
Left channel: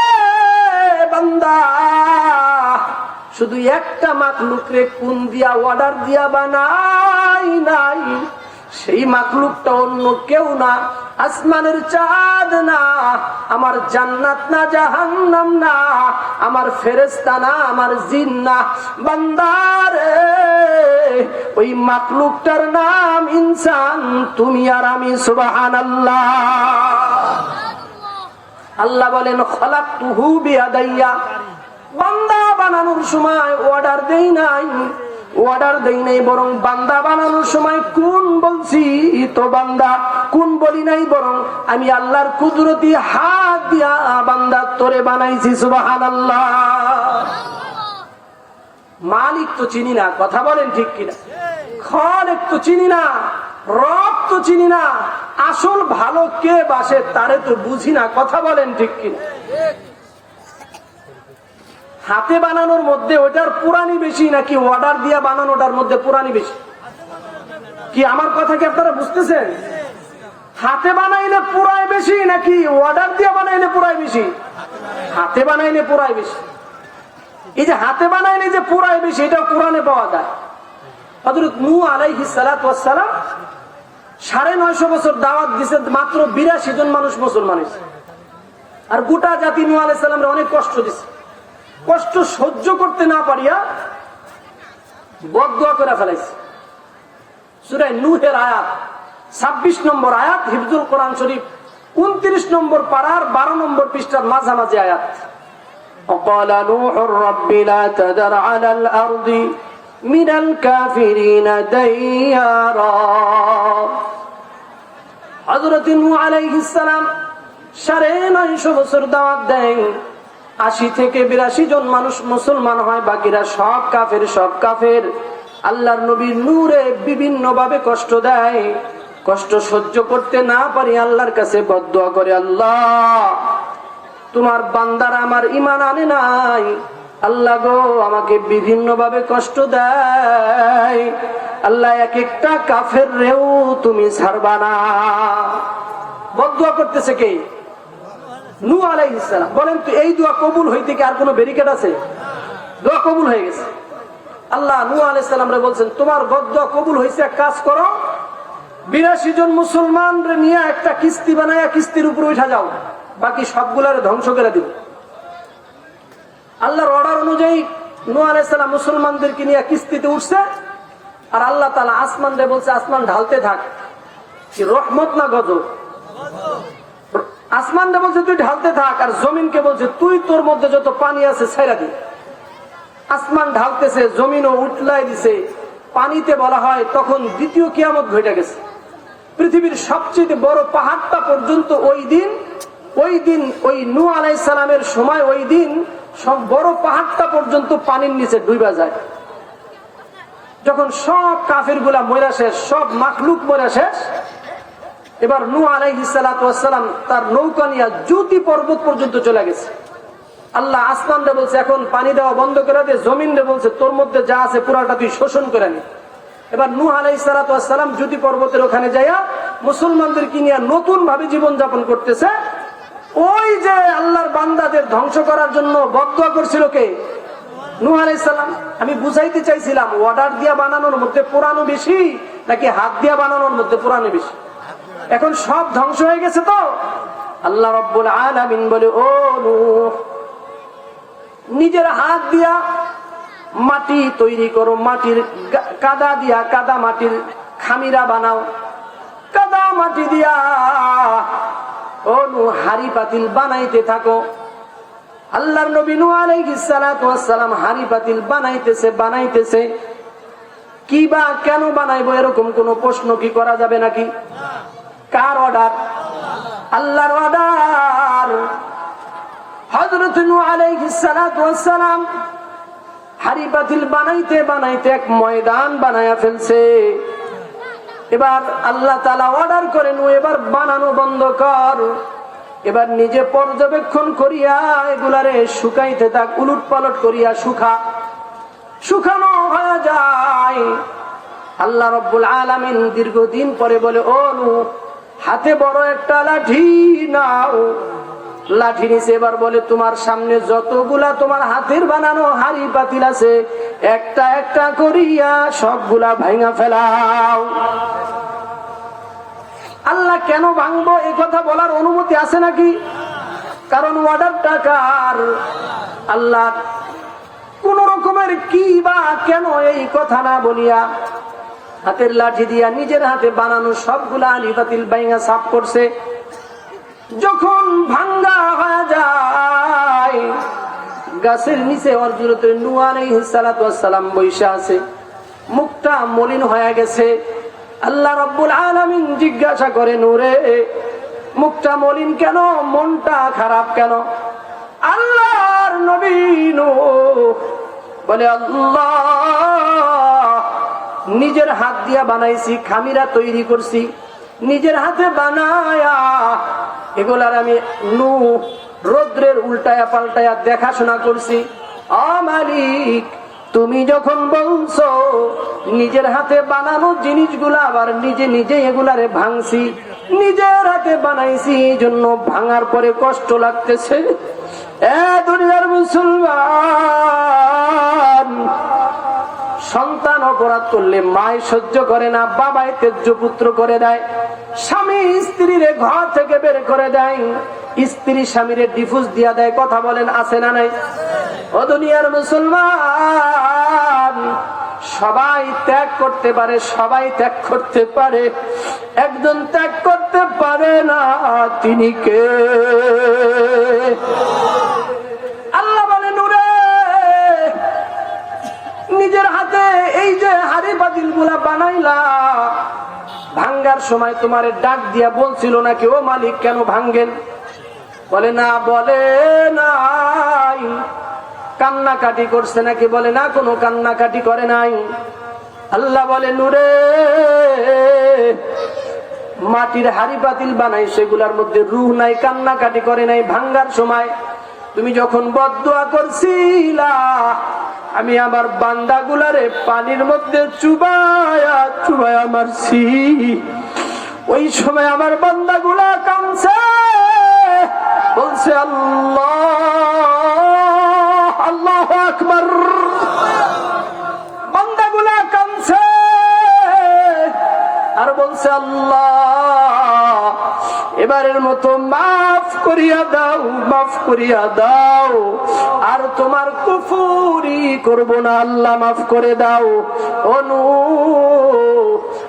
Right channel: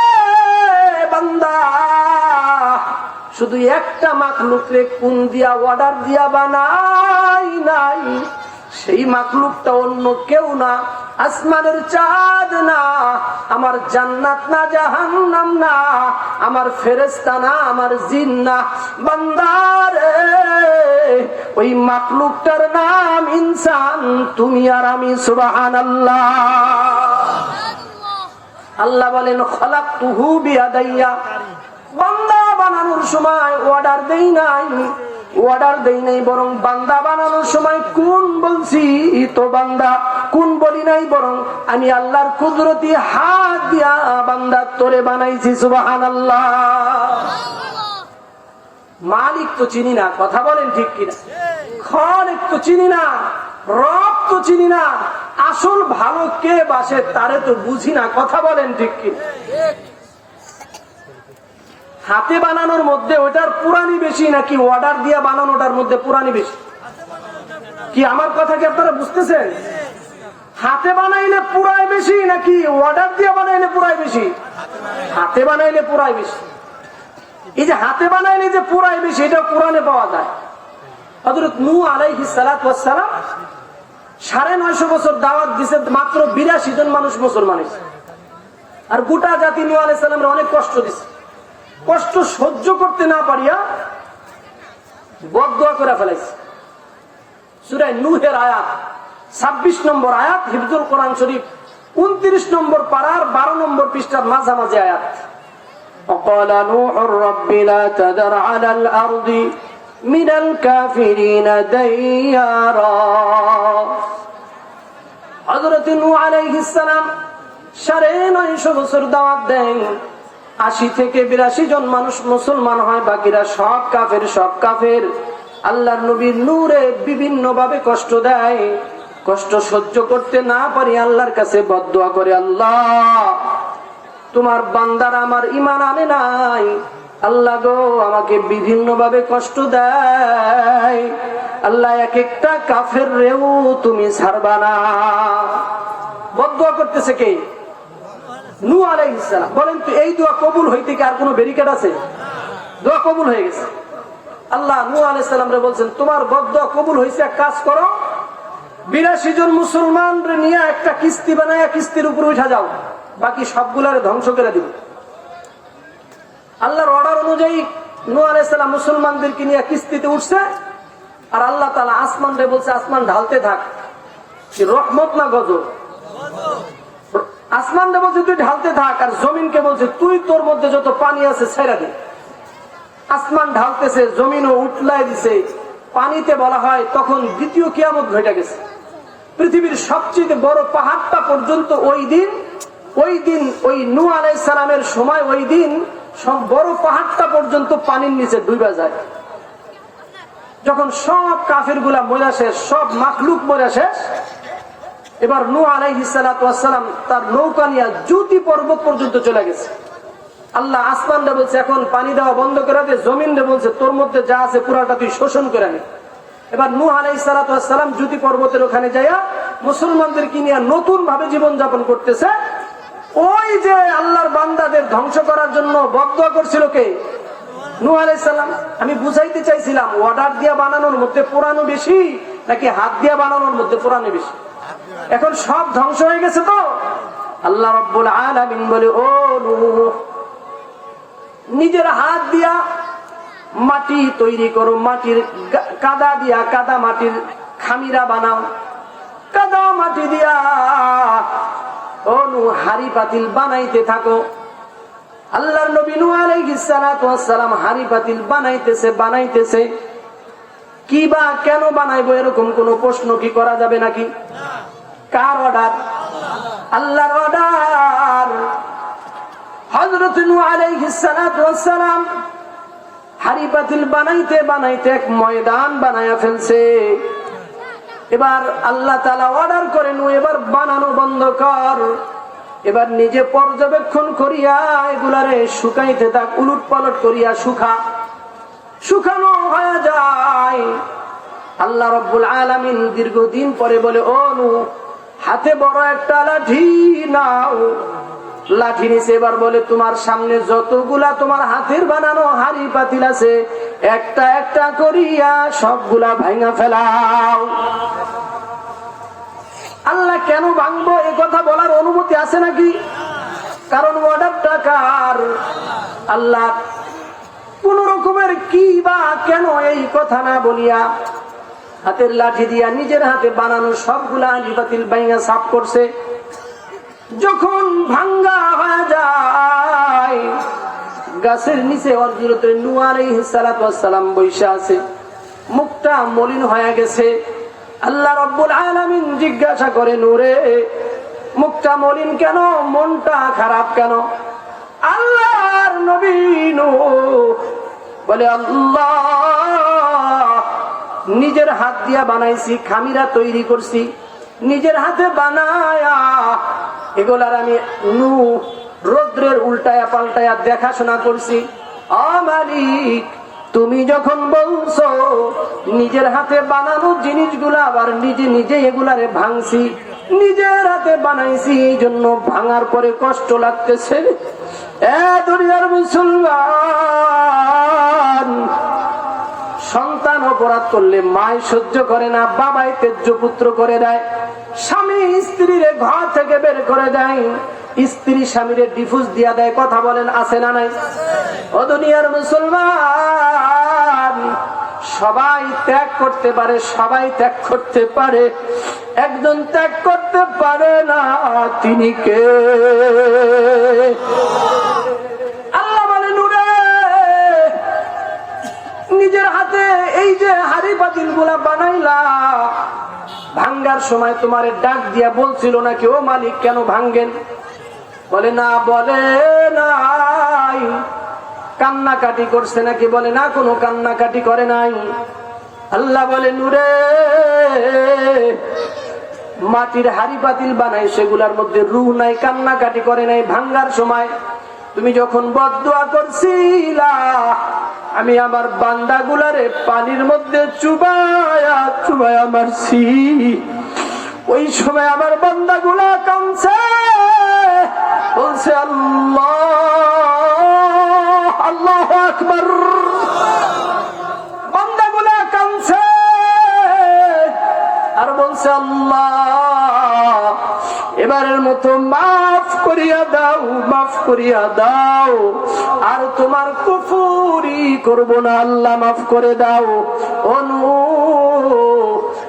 বান্দা, শুধু একটা মাখলুক রে কোন দিয়া অর্ডার দিয়া বানাই নাই, সেই মাখলুকটা অন্য কেউ না, আসমানের চাঁদ না, আমার জান্নাত না, জাহান্নাম না, আমার ফেরেশতা না, আমার জিন না। বান্দারে ওই মাখলুকটার নাম ইনসান, তুমি আর আমি। সুবহানাল্লাহ। আল্লাহ বলেন খালাকতুহু বিয়াদাইয়া। বান্দা বানানোর সময় অর্ডার দেই নাই, অর্ডার দেই নাই, বরং বান্দা বানানোর সময় কোন বলছি তো বান্দা কোন বলি নাই, বরং আমি আল্লাহর কুদরতি হাত দিয়া বান্দা তোরে বানাইছি। সুবহানাল্লাহ। মালিক তো চিনি না, কথা বলেন ঠিক কিনা? খালেক তো চিনি না, রব তো চিনি না, আসল ভালো কে বাসে তারে তো বুঝি না, কথা বলেন ঠিক কিনা? হাতে বানানোর মধ্যে ওটার পুরানি বেশি নাকি অর্ডার দিয়া বানানোটার মধ্যে পুরানি বেশি? কি আমার কথা কি আপনারা বুঝতেছেন? হাতে বানাইলে পুরাই বেশি নাকি অর্ডার দিয়া বানাইলে পুরাই বেশি? হাতে বানাইলে পুরাই বেশি। এই যে হাতে বানাইলে যে পুরাই বেশি, এটা কোরআনে পাওয়া যায়। হযরত নূহ আলাইহিস সালাতু ওয়াস সালাম 950 বছর দাওয়াত দিয়েছে, মাত্র 82 জন মানুষ মুসলমান হয়েছে। আর গোটা জাতি নূহ আলাইহিস সালামের অনেক কষ্ট দিছে। কষ্ট সহ্য করতে না পারিয়া বদদুয়া করে ফেলাইছে। সূরা নূহের আয়াত 26 নম্বর আয়াত, হিফজুল কোরআন শরীফ 29 নম্বর পারার 12 নম্বর পৃষ্ঠার মাঝামাঝি আয়াত। وقال نوح رب لا تذر على الأرض من الكافرين ديارا। হযরত নূহ আলাইহিস সালাম 950 বছর দাওয়াত দেন, 80 থেকে 82 জন মানুষ মুসলমান হয়, বাকিরা সব কাফের, সব কাফের। আল্লাহর নবীর নূরে বিভিন্ন ভাবে কষ্ট দেয়। কষ্ট সহ্য করতে না পারি আল্লাহর কাছে বদদুয়া করে, আল্লাহ তোমার বান্দারা আমার ঈমান আনে নাই, আল্লাহ গো আমাকে বিভিন্ন ভাবে কষ্ট দেয়, আল্লাহ এক একটা কাফের রেও তুমি ছাড়বা না। বদদুয়া করতেছে কে? নূহ আলাইহিস সালাম। বলেন তো এই দোয়া কবুল হইতে কি আর কোনো ব্যারিকেড আছে? দোয়া কবুল হয়ে গেছে। আল্লাহ নূহ আলাইহিস সালামরে বলছেন তোমার বদদুয়া কবুল হয়েছে, এক কাজ করো, 82 জন মুসলমান নিয়ে একটা কিস্তি বানায় কিস্তির উপরে উঠা যাও, বাকি সবগুলার ধ্বংস করে দিব। আল্লাহর অর্ডার অনুযায়ী নূহ আলাইহিস সালাম মুসলমানদেরকে নিয়ে কিস্তিতে উঠছে, আর আল্লাহ তাআলা আসমান রে বলছে আসমান ঢালতে থাক। কি রহমত না গজব? আসমান রে বলছে তুই ঢালতে থাক, আর জমিনকে বলছে তুই তোর মধ্যে যত পানি আছে ছেড়ে দে। আসমান ঢালতেছে, জমিনও উঠলাই দিছে। পানিতে বলা হয় তখন দ্বিতীয় কিয়ামত ঘটে গেছে। পৃথিবীর সবচেয়ে বড় পাহাড়টা পর্যন্ত ওই দিন ওই নূহ আলাইহিস সালামের সময় ওই দিন সব বড় পাহাড়টা পর্যন্ত পানির নিচে ডুবে যায়। যখন সব কাফের গুলা মরা শেষ, সব মাখলুক মরা শেষ, এবার নূহ আলাইহিস সালাম তার নৌকা নিয়ে জুতি পর্বত পর্যন্ত চলে গেছে। আল্লাহ আসমান রে বলছে এখন পানি দেওয়া বন্ধ করে দে, জমিন রে বলছে তোর মধ্যে যা আছে পুরাটা তুই শোষণ করে নে। এবার নূহ আলাইহিস সালাম জুতি পর্বতের ওখানে যাইয়া মুসলমানদেরকে নিয়ে নতুন ভাবে জীবন যাপন করতেছে। ওই যে আল্লাহর বান্দাদের ধ্বংস করার জন্য বদদুয়া করছিল কে? নূহ আলাইহিস সালাম। আমি বুঝাইতে চাইছিলাম অর্ডার দিয়া বানানোর মধ্যে পুরানো বেশি নাকি হাত দিয়া বানানোর মধ্যে পুরানো বেশি? এখন সব ধ্বংস হয়ে গেছে তো আল্লাহ রাব্বুল আলামিন বলে ও নূহ নিজের হাত দিয়া মাটি তৈরি করো, মাটির কাদা দিয়া কাদা মাটির খামিরা বানাও, কাদা মাটি দিয়া ও নূহ হাড়ি পাতিল বানাইতে থাকো। আল্লাহর নবী নূহ আলাইহিস সালাম হাড়ি পাতিল বানাইতেছে। কি বা কেন বানাইবো এরকম কোন প্রশ্ন কি করা যাবে নাকি? কার অর্ডার? আল্লাহর অর্ডার। হযরত নূহ আলাইহিস সালাম হাড়ি পাতিল বানাইতে এক ময়দান বানায়া ফেলছে। এবার আল্লাহ তাআলা অর্ডার করে নূহ এবার বানানো বন্ধ কর, এবার নিজে পর্যবেক্ষণ করিয়া এগুলারে শুকাইতে থাক, উলট পালট করিয়া শুকানো হয়ে যায়। আল্লাহ রাব্বুল আলামিন দীর্ঘদিন পরে বলে ও নূহ হাতে বড় একটা লাঠি নাও। লাঠি নিচে এবার বলে তোমার সামনে যতগুলা তোমার হাতের বানানো হাড়ি পাতিল আছে একটা একটা করিয়া সবগুলা ভাঙা ফেলাও। আল্লাহ কেন ভাঙবো এই কথা বলার অনুমতি আছে নাকি? কারণ অর্ডারটা কার? আল্লাহ। কোন রকমের কি বা কেন এই কথা না বলিয়া হাতের লাঠি দিয়া নিজের হাতে বানানো সবগুলা হাড়ি পাতিল ভাঙা সাফ করছে। যখন ভাঙ্গা হয়ে যায় গাছের নিচে হযরত নূহ আলাইহিস সালাম বৈশা আছে, মুখটা মলিন হয়ে গেছে। আল্লাহ রাব্বুল আলামিন জিজ্ঞাসা করে নূরে মুখটা মলিন কেন, মনটা খারাপ কেন? আল্লাহর নবী নূহ বলে আল্লাহ নিজের হাত দিয়া বানাইছি, খামিরা তৈরি করছি, নিজের হাতে বানায়া এগুলার আমি নূহ রৌদ্রের উল্টায়া পাল্টায়া দেখাশোনা করছি। মালিক তুমি যখন বলছো নিজের হাতে বানানো জিনিসগুলা আবার নিজে এগুলারে ভাঙছি, নিজের হাতে বানাইছি, এই জন্য ভাঙার পরে কষ্ট লাগতেছে। দুনিয়ার মুসলমান সন্তান অপরাধ করলে মায় সহ্য করে না, বাবাই তেজ্য পুত্র করে দেয়, স্বামী স্ত্রীরে ঘর থেকে বের করে দেয়, স্ত্রী স্বামীরে ডিভোর্স দিয়া দেয়। কথা বলেন আছে না নাই? ও দুনিয়ার মুসলমান সবাই ত্যাগ করতে পারে, সবাই ত্যাগ করতে পারে, একজন ত্যাগ করতে পারে না, তিনি কে? আল্লাহ বলে নূরে নিজের হাতে এই যে হাড়ি পাতিল গুলা বানাইলা, ভাঙ্গার সময় তোমার ডাক দিয়া বলছিল নাকি ও মালিক কেন ভাঙ্গেন? বলে না, বলে নাই। কান্নাকাটি করছে নাকি? বলে না, কোনো কান্নাকাটি করে নাই। আল্লাহ বলে নূরে মাটির হাড়ি পাতিল বানাই, সেগুলার মধ্যে রূহ নাই, কান্নাকাটি করে নাই। ভাঙ্গার সময় তুমি যখন বদদুয়া করছিলা আমি আমার বান্দাগুলারে পানির মধ্যে চুবায়া চুবায়া মারছি, ওই সময় আমার বান্দাগুলা কাঁদছে, বলছে আল্লাহ আল্লাহু আকবার। বান্দাগুলা কাঁদছে আর বলছে আল্লাহ এবারের মতো মাফ করিয়া দাও, মাফ করিয়া দাও, আর তোমার কুফরি করব না, আল্লাহ মাফ করে দাও।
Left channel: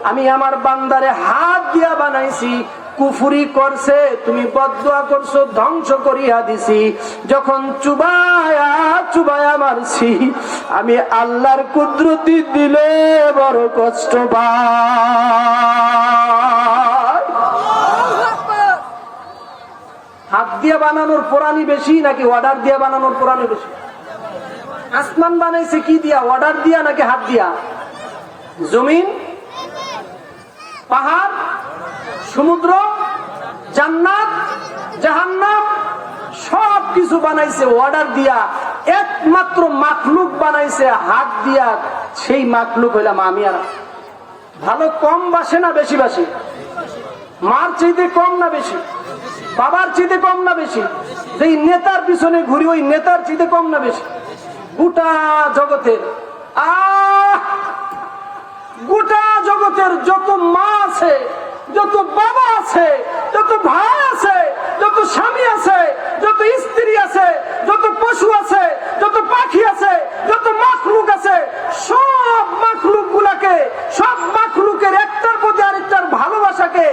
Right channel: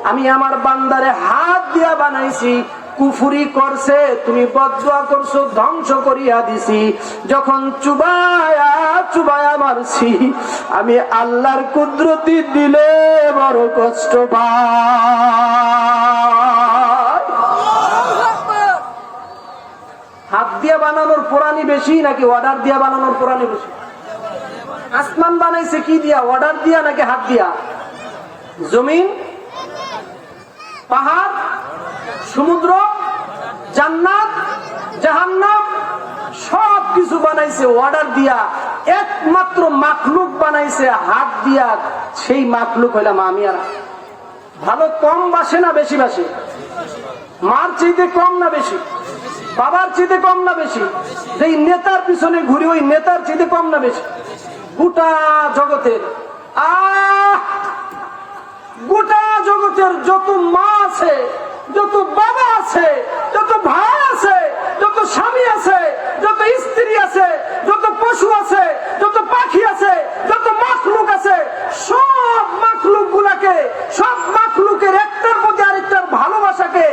আমি আমার বান্দারে হাত দিয়া বানাইছি, কুফরি করছে, তুমি বদদুয়া করছো, ধ্বংস করিয়া দিছি। যখন চুবায়া চুবায়া মারছি, আমি আল্লাহর কুদরতি দিলে বড় কষ্ট পাই। হাত দিয়া বানানোর পুরানি বেশি নাকি অর্ডার দিয়া বানানোর পুরানি বেশি? আসমান বানাইছে কি দিয়া? অর্ডার দিয়া নাকি হাত দিয়া? জমিন, পাহাড়, সমুদ্র, জান্নাত, জাহান্নাম সব কিছু বানাইছে অর্ডার দিয়া। একমাত্র মাখলুক বানাইছে হাত দিয়া, সেই মাখলুক হইলাম আমি আর। ভালো কম বাসে না বেশি বাসে? মার চাইতে কম না বেশি? বাবার চাইতে কম না বেশি? যেই নেতার পিছনে ঘুরি ওই নেতার চাইতে কম না বেশি? গোটা জগতের গোটা জগতের যত মা আছে, যত বাবা আছে, যত ভাই আছে, যত স্বামী আছে, যত স্ত্রী আছে, যত পশু আছে, যত পাখি আছে, যত মাখলুক আছে, সব মাখলুক গুলাকে, সব মাখলুকের একটার প্রতি আরেকটার ভালোবাসাকে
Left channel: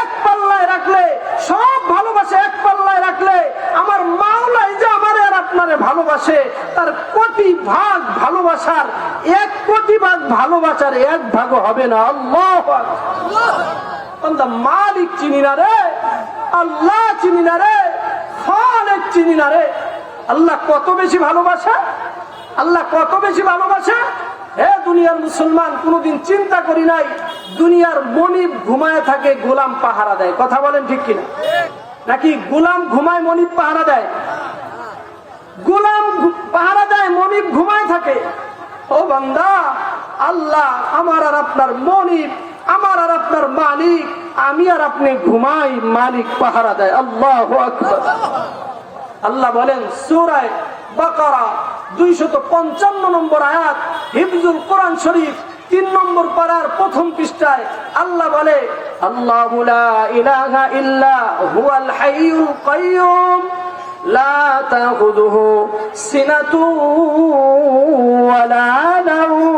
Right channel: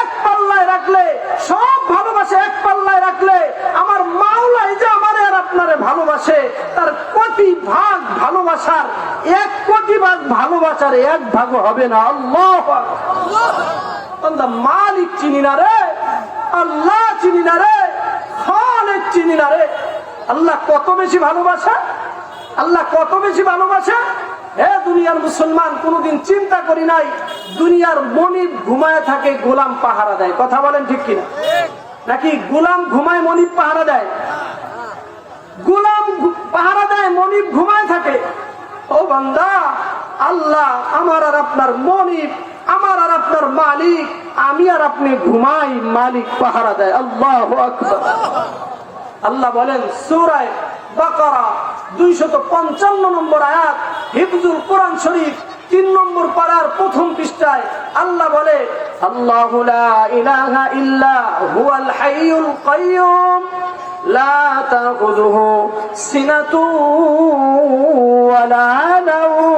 এক পাল্লায় রাখলে, সব ভালোবাসা এক পাল্লায় রাখলে, আমার মাওলাই যে আমারে আর আপনারে ভালোবাসে, তার কোটি ভাগ ভালোবাসার 1 কোটি ভাগ ভালোবাসার 1 ভাগও হবে না। আল্লাহু আকবার। মালিক চিনি না রে, আল্লাহ চিনি না রে, খালেক চিনি না রে। আল্লাহ কত বেশি ভালোবাসা, আল্লাহ কত বেশি ভালোবাসা। হে দুনিয়ার মুসলমান, কোনদিন চিন্তা করি নাই দুনিয়ার মনিব ঘুমায় থাকে, গোলাম পাহারা দেয়। কথা বলেন ঠিক কিনা? নাকি গোলাম ঘুমায় মনিব পাহারা দেয়? গোলাম পাহারা দেয়, মনিব ঘুমায় থাকে। ও বান্দা, আল্লাহ আমার আর আপনার মনিব, আমার আর আপনার মালিক, আমি আর আপনি ঘুমাই, মালিক পাহারা দেয়। আল্লাহু আকবার। আল্লাহ বলেন সূরা বাকারা 255 নম্বর আয়াত, হিফজুল কোরআন শরীফ 3 নম্বর পারার প্রথম পৃষ্ঠায় আল্লাহ বলে, আল্লাহু লা ইলাহা ইল্লা হুয়াল হাইয়ুল কাইয়্যুম লা তাখুযুহু সিনাতুন ওয়ালা নাওম।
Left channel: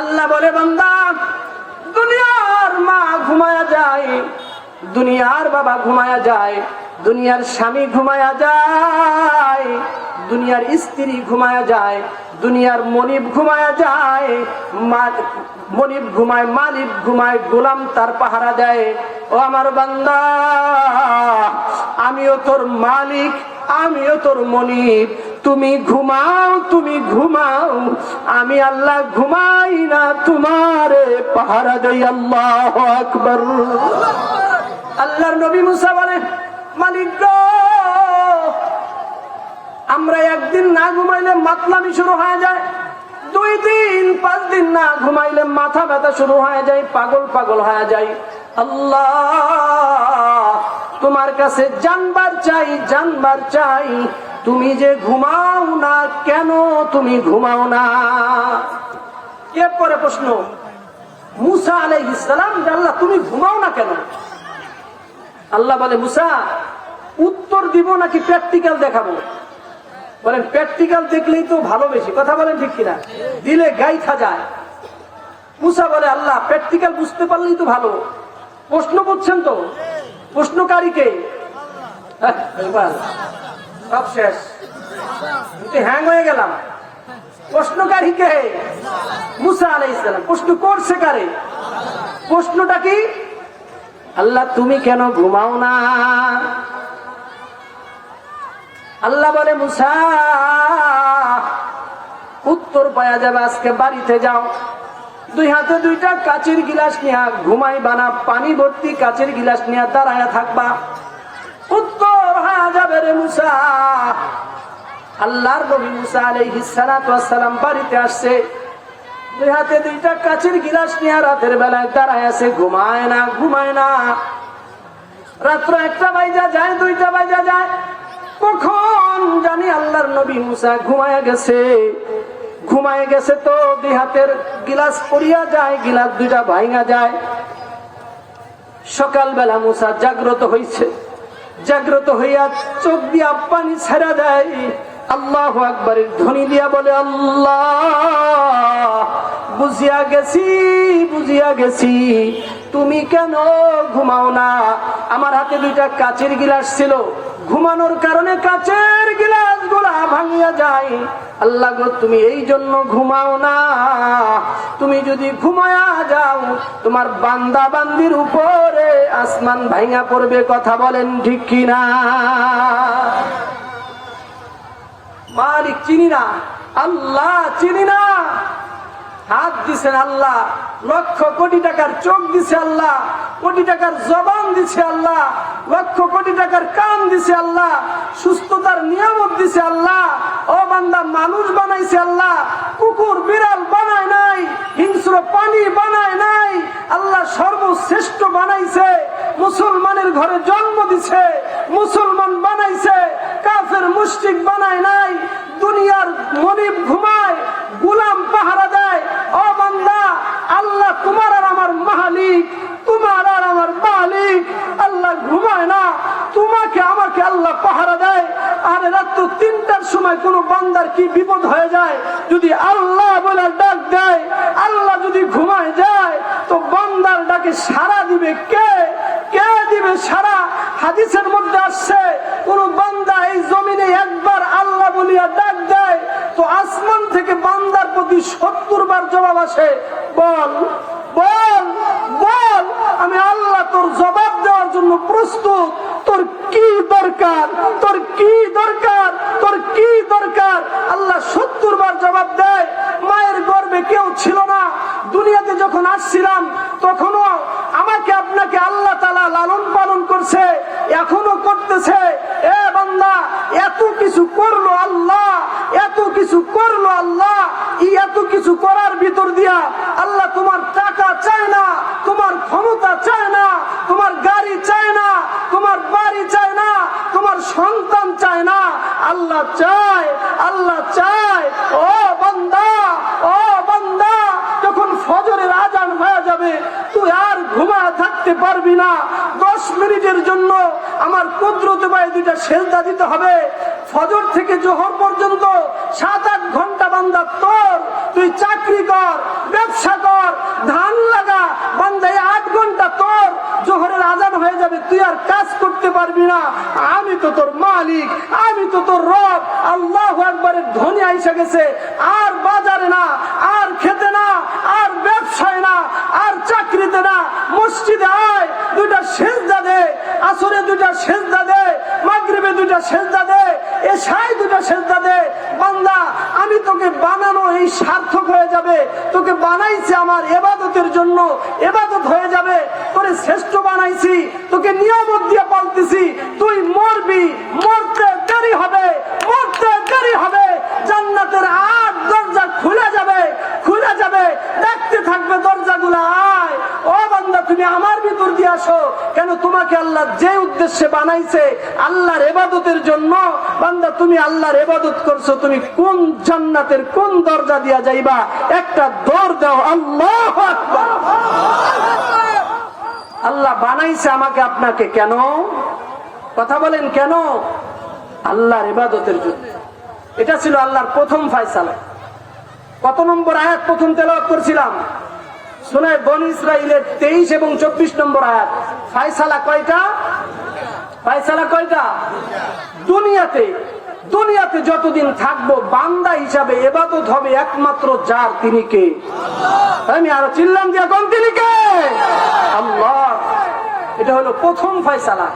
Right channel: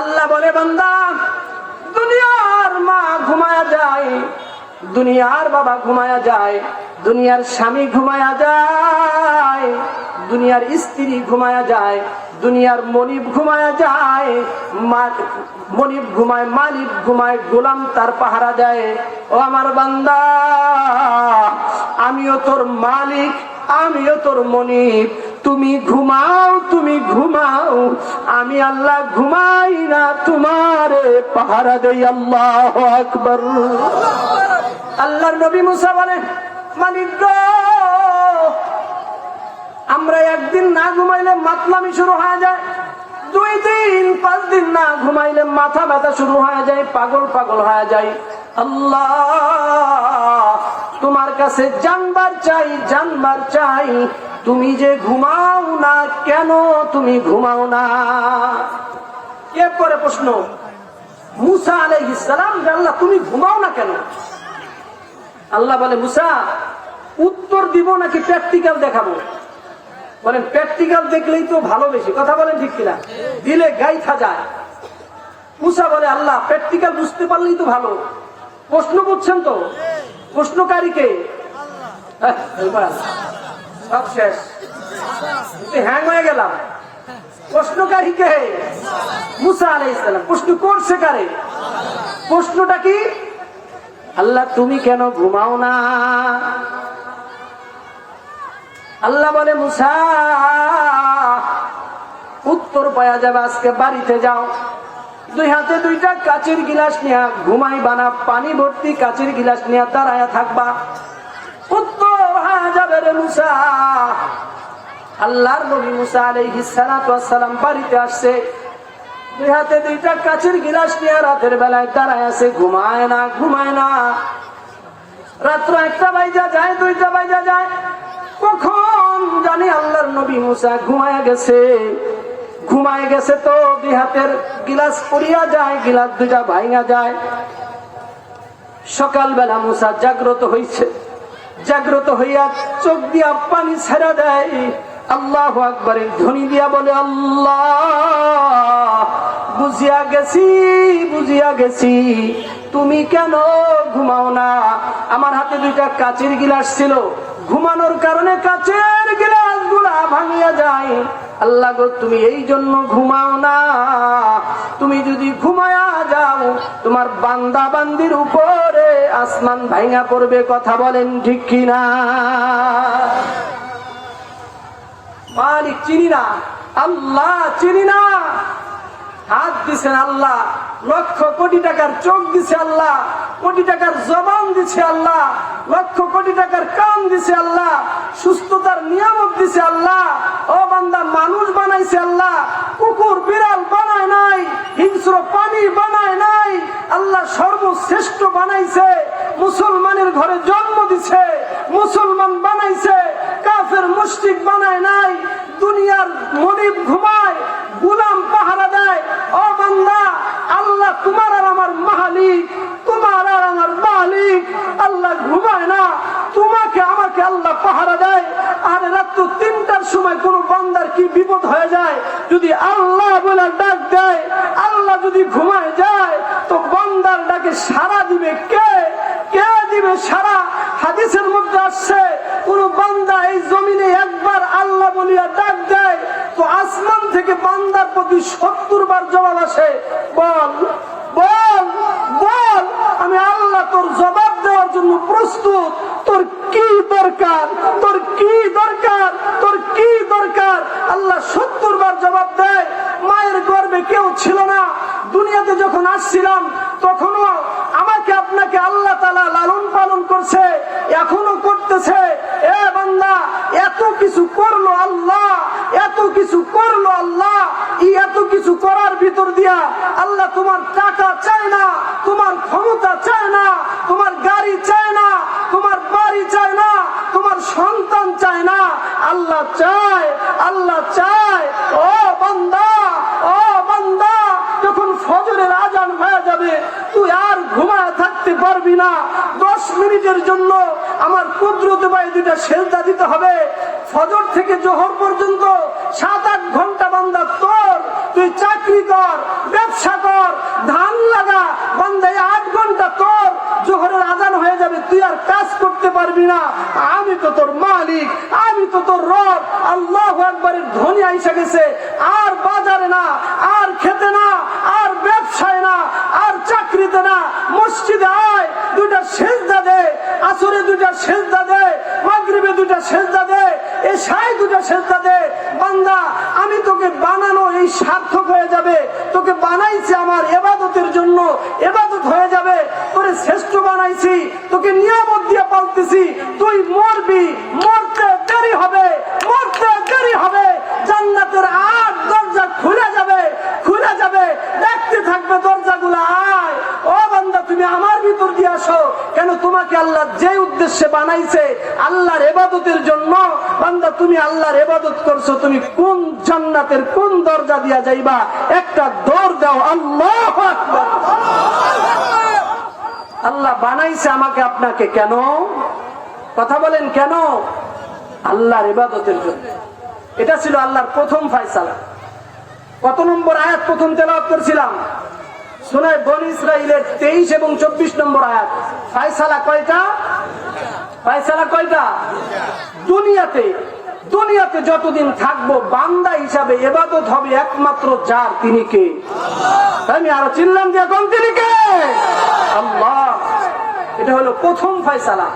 আল্লাহ বলে বান্দা, দুনিয়ার মা ঘুমায়া যায়, দুনিয়ার বাবা ঘুমায়া যায়, দুনিয়ার স্বামী ঘুমায়া যায়, দুনিয়ার স্ত্রী ঘুমায়া যায়, দুনিয়ার মনিব ঘুমায়া যায়, মনিব ঘুমায়, মালিক ঘুমায়, গোলাম তার পাহারা দেয়। ও আমার বান্দা, আমিও তোর মালিক, আমিও তোর মনিব। তুমি ঘুমাও, তুমি ঘুমাও, আমি আল্লাহ ঘুমাই না, তোমারে পাহারা দেই। আল্লাহু আকবার। আল্লাহর নবী মুসা বলে, মালিক গো, আমরা একদিন না ঘুমাইলে মাতলামি শুরু হয়ে যায়, 2 দিন 5 দিন না ঘুমাইলে মাথা ব্যথা শুরু হয়ে যায়, পাগল পাগল হয়ে যায়। আল্লাহ, তোমার কাছে জানবার চাই, জানবার চাই, তুমি যে ঘুমাও না, কেন তুমি ঘুমাও না? এরপরে প্রশ্ন, মুসা আলাইহিস সালাম, আল্লাহ তুমি ঘুমাও না কেন? আল্লাহ বলে, মুসা উত্তর দিব নাকি প্র্যাকটিক্যাল দেখাবো? বলেন প্র্যাকটিক্যাল দেখলেই তো ভালো বেশি। কথা বলেন ঠিক কিনা? দিলে গাইথা যায়। মুসা বলে, আল্লাহ প্র্যাকটিক্যাল বুঝতে পারলেই তো ভালো। প্রশ্ন বুঝছেন তো? প্রশ্নকারীকে সব শেষ, হ্যাং হয়ে গেলাম। প্রশ্নকারীকে মুসা আলাইহিস সালাম। প্রশ্ন করছে কারে? প্রশ্নটা কি? আল্লাহ তুমি কেন ঘুমাও না? আল্লাহ বলে, মুসা উত্তর পাওয়া যাবে, আজকে বাড়িতে যাও, দুই হাতে দুইটা কাচের গিলাস নিয়ে ঘুমাইবা না, পানি ভর্তি কাচের গিলাস নিয়ে দাঁড়ায়া থাকবা। উত্তর হয়ে যাবে রে মুসা। আল্লাহর নবী মুসা আলাইহিস সালাতু ওয়াস সালাম বাড়িতে আসছে, দুই হাতে দুইটা কাচের গিলাস নিয়ে রাতের বেলায় দাঁড়ায় আছে, ঘুমায় না ঘুমায় না। রাত্র 1টা বাজা যায়, 2টা বাজা যায়, কখন জানি আল্লাহর নবী মুসা ঘুমায় গেছে। ঘুমায় গেছে তো দুই হাতের গিলাস পড়িয়া যায়, গিলাস দুইটা ভাঙা যায়। সকালবেলা মুসা জাগ্রত হইছে, জাগ্রত হইয়া চোখ দিয়া পানি ছেড়া দেয়, আল্লাহু আকবারের ধ্বনি দিয়া বলে, আল্লাহ বুঝিয়া গেছি, বুঝিয়া গেছি, তুমি কেন ঘুমাও না? আমার হাতে দুইটা কাচের গিলাস ছিল, ঘুমানোর কারণে কাচের গিলাস গুলা ভাঙিয়া যায়। আল্লাহ গো, তুমি এই জন্য ঘুমাও না। তুমি যদি ঘুমায়া যাও, তোমার বান্দা বান্দির উপরে আসমান ভাঙা পড়বে। কথা বলেন ঠিক কিনা? মালিক চিনি না, আল্লাহ চিনি না। হাত দিছেন আল্লাহ, লক্ষ কোটি টাকার চোখ দিছে আল্লাহ, কোটি টাকার জবান দিছে আল্লাহ, লক্ষ কোটি টাকার কান দিছে আল্লাহ, সুস্থতার নিয়ামত দিছে আল্লাহ। ও বান্দা, মানুষ বানাইছে আল্লাহ, কুকুর বিড়াল বানায় নাই, হিংস্র পানি বানায় নাই। আল্লাহ সর্বশ্রেষ্ঠ বানাইছে, মুসলমানের ঘরে জন্ম দিছে, মুসলমান বানাইছে, কাফের মুশরিক বানায় নাই। দুনিয়ার মনিব ঘুমায়, গোলাম পাহারা দেয়। ও বান্দা, আল্লাহ তোমার আর আমার মালিক, তোমার আর আমার মালিক। আল্লাহ ঘুমায় না, তোমাকে আমাকে আল্লাহ পাহারা দেয়। আর রাত্র 3টার সময় কোন বান্দার কি বিপদ হয়ে যায়, যদি আল্লাহ বলে ডাক দেয়, আল্লাহ যদি ঘুমায় যায়, তো বান্দার ডাকে সাড়া দিবে কে? কে দিবে সাড়া? হাদিসের মধ্যে আসছে, কোন বান্দা এই জমিনে একবার আল্লাহ বলিয়া ডাক দেয়, তো আসমান থেকে বান্দার প্রতি 70 বার জবাব আসে, বল বল বল, আমি আল্লাহ তোর জবাব দেওয়ার জন্য প্রস্তুত। তোর কি দরকার? তোর কি দরকার? তোর কি দরকার? আল্লাহ 70 বার জবাব দেয়। মায়ের গর্ভে কেউ ছিল না, দুনিয়াতে যখন আসছিলাম তখনও আমাকে আপনাকে আল্লাহ তাআলা লালন পালন করছে, এখনো করতেছে। এ বান্দা, এত কিছু করলো আল্লাহ, এত কিছু করলো আল্লাহ। এই এত কিছু করার ভিতর দিয়া আল্লাহ তোমার টাকা চায় না, তোমার ক্ষমতা চায় না, তোমার গাড়ি চায় না, তোমার বাড়ি চায় না, তোমার সন্তান চায় না। আল্লাহ চায়, আল্লাহ চায়। ও বান্দা, ও বান্দা, যখন ফজরের আজান হয়ে যাবে, তুই আর ঘুমায় থাকতে পারবি না। 10 মিনিটের জন্য আমার কুদরতে পায়ে 2টা সেজদা দিতে হবে। ফজর থেকে জোহর পর্যন্ত 7-8 ঘন্টা বান্দা তোর, তুই চাকরি কর, ব্যবসা কর, ধান লাগা, বান্দা 8 ঘন্টা তোর। জোহরের আজান হয়ে যাবে, তুই আর কাজ করতে পারবি না। আমি তো তোর মালিক, আমি তো তোর রব। আল্লাহু আকবারের ধ্বনি আইসা গেছে। আর বাজারে না, আর খেতে না, আর ব্যবসায় না, আর চাকরিতে না, মসজিদে আয়, 2টা সেজদা দে, আসরে 2টা সেজদা দে, মাগরিবে 2টা সেজদা দে, এশায় 2টা সেজদা দে। বান্দা, আমি তোকে বানানো এই সার্থক হয়ে যাবে। তোকে বানাইছি আমার ইবাদতের জন্য, ইবাদত হয়ে যাবে। তোরে শ্রেষ্ঠ বানাইছি, তোকে নিয়ামত দিয়ে পালতেছি। তুই মরবি, মরতে দেরি হবে, মরতে দেরি হবে। জান্নাতের 8 দরজা খুলে যাবে, খুলে যাবে, ডাকতে থাকবে দরজাগুলো, আয়। ও বান্দা, তুমি আমার ভিতর দিয়ে আসো। কেন? তোমাকে আল্লাহ যে উদ্দেশ্যে বানাইছে, আল্লাহর ইবাদতের জন্য। বান্দা, তুমি আল্লাহর ইবাদত করছো, তুমি কোন জান্নাতের কোন দরজা দিয়া যাইবা? একটা দর দাও। আল্লাহু আকবার। আল্লাহ বানাইছে আমাকে আপনাকে কেন? কথা বলেন, কেন? আল্লাহর ইবাদতের জন্য। এটা ছিল আল্লাহর প্রথম ফয়সালা। কত নম্বর আয়াত প্রথম তেলাওয়াত করছিলাম? সূরা বনী ইসরাঈলের 23 এবং 24 নম্বর আয়াত। ফয়সালা কয়টা? ফয়সালা কয়টা? দুনিয়াতে, দুনিয়াতে যতদিন থাকবো বান্দা হিসাবে ইবাদত হবে একমাত্র যার, তিনি কে? আমি আরো চিল্লাম যে এখন তিনি কে? আল্লাহ। এটা হলো প্রথম ফয়সালা।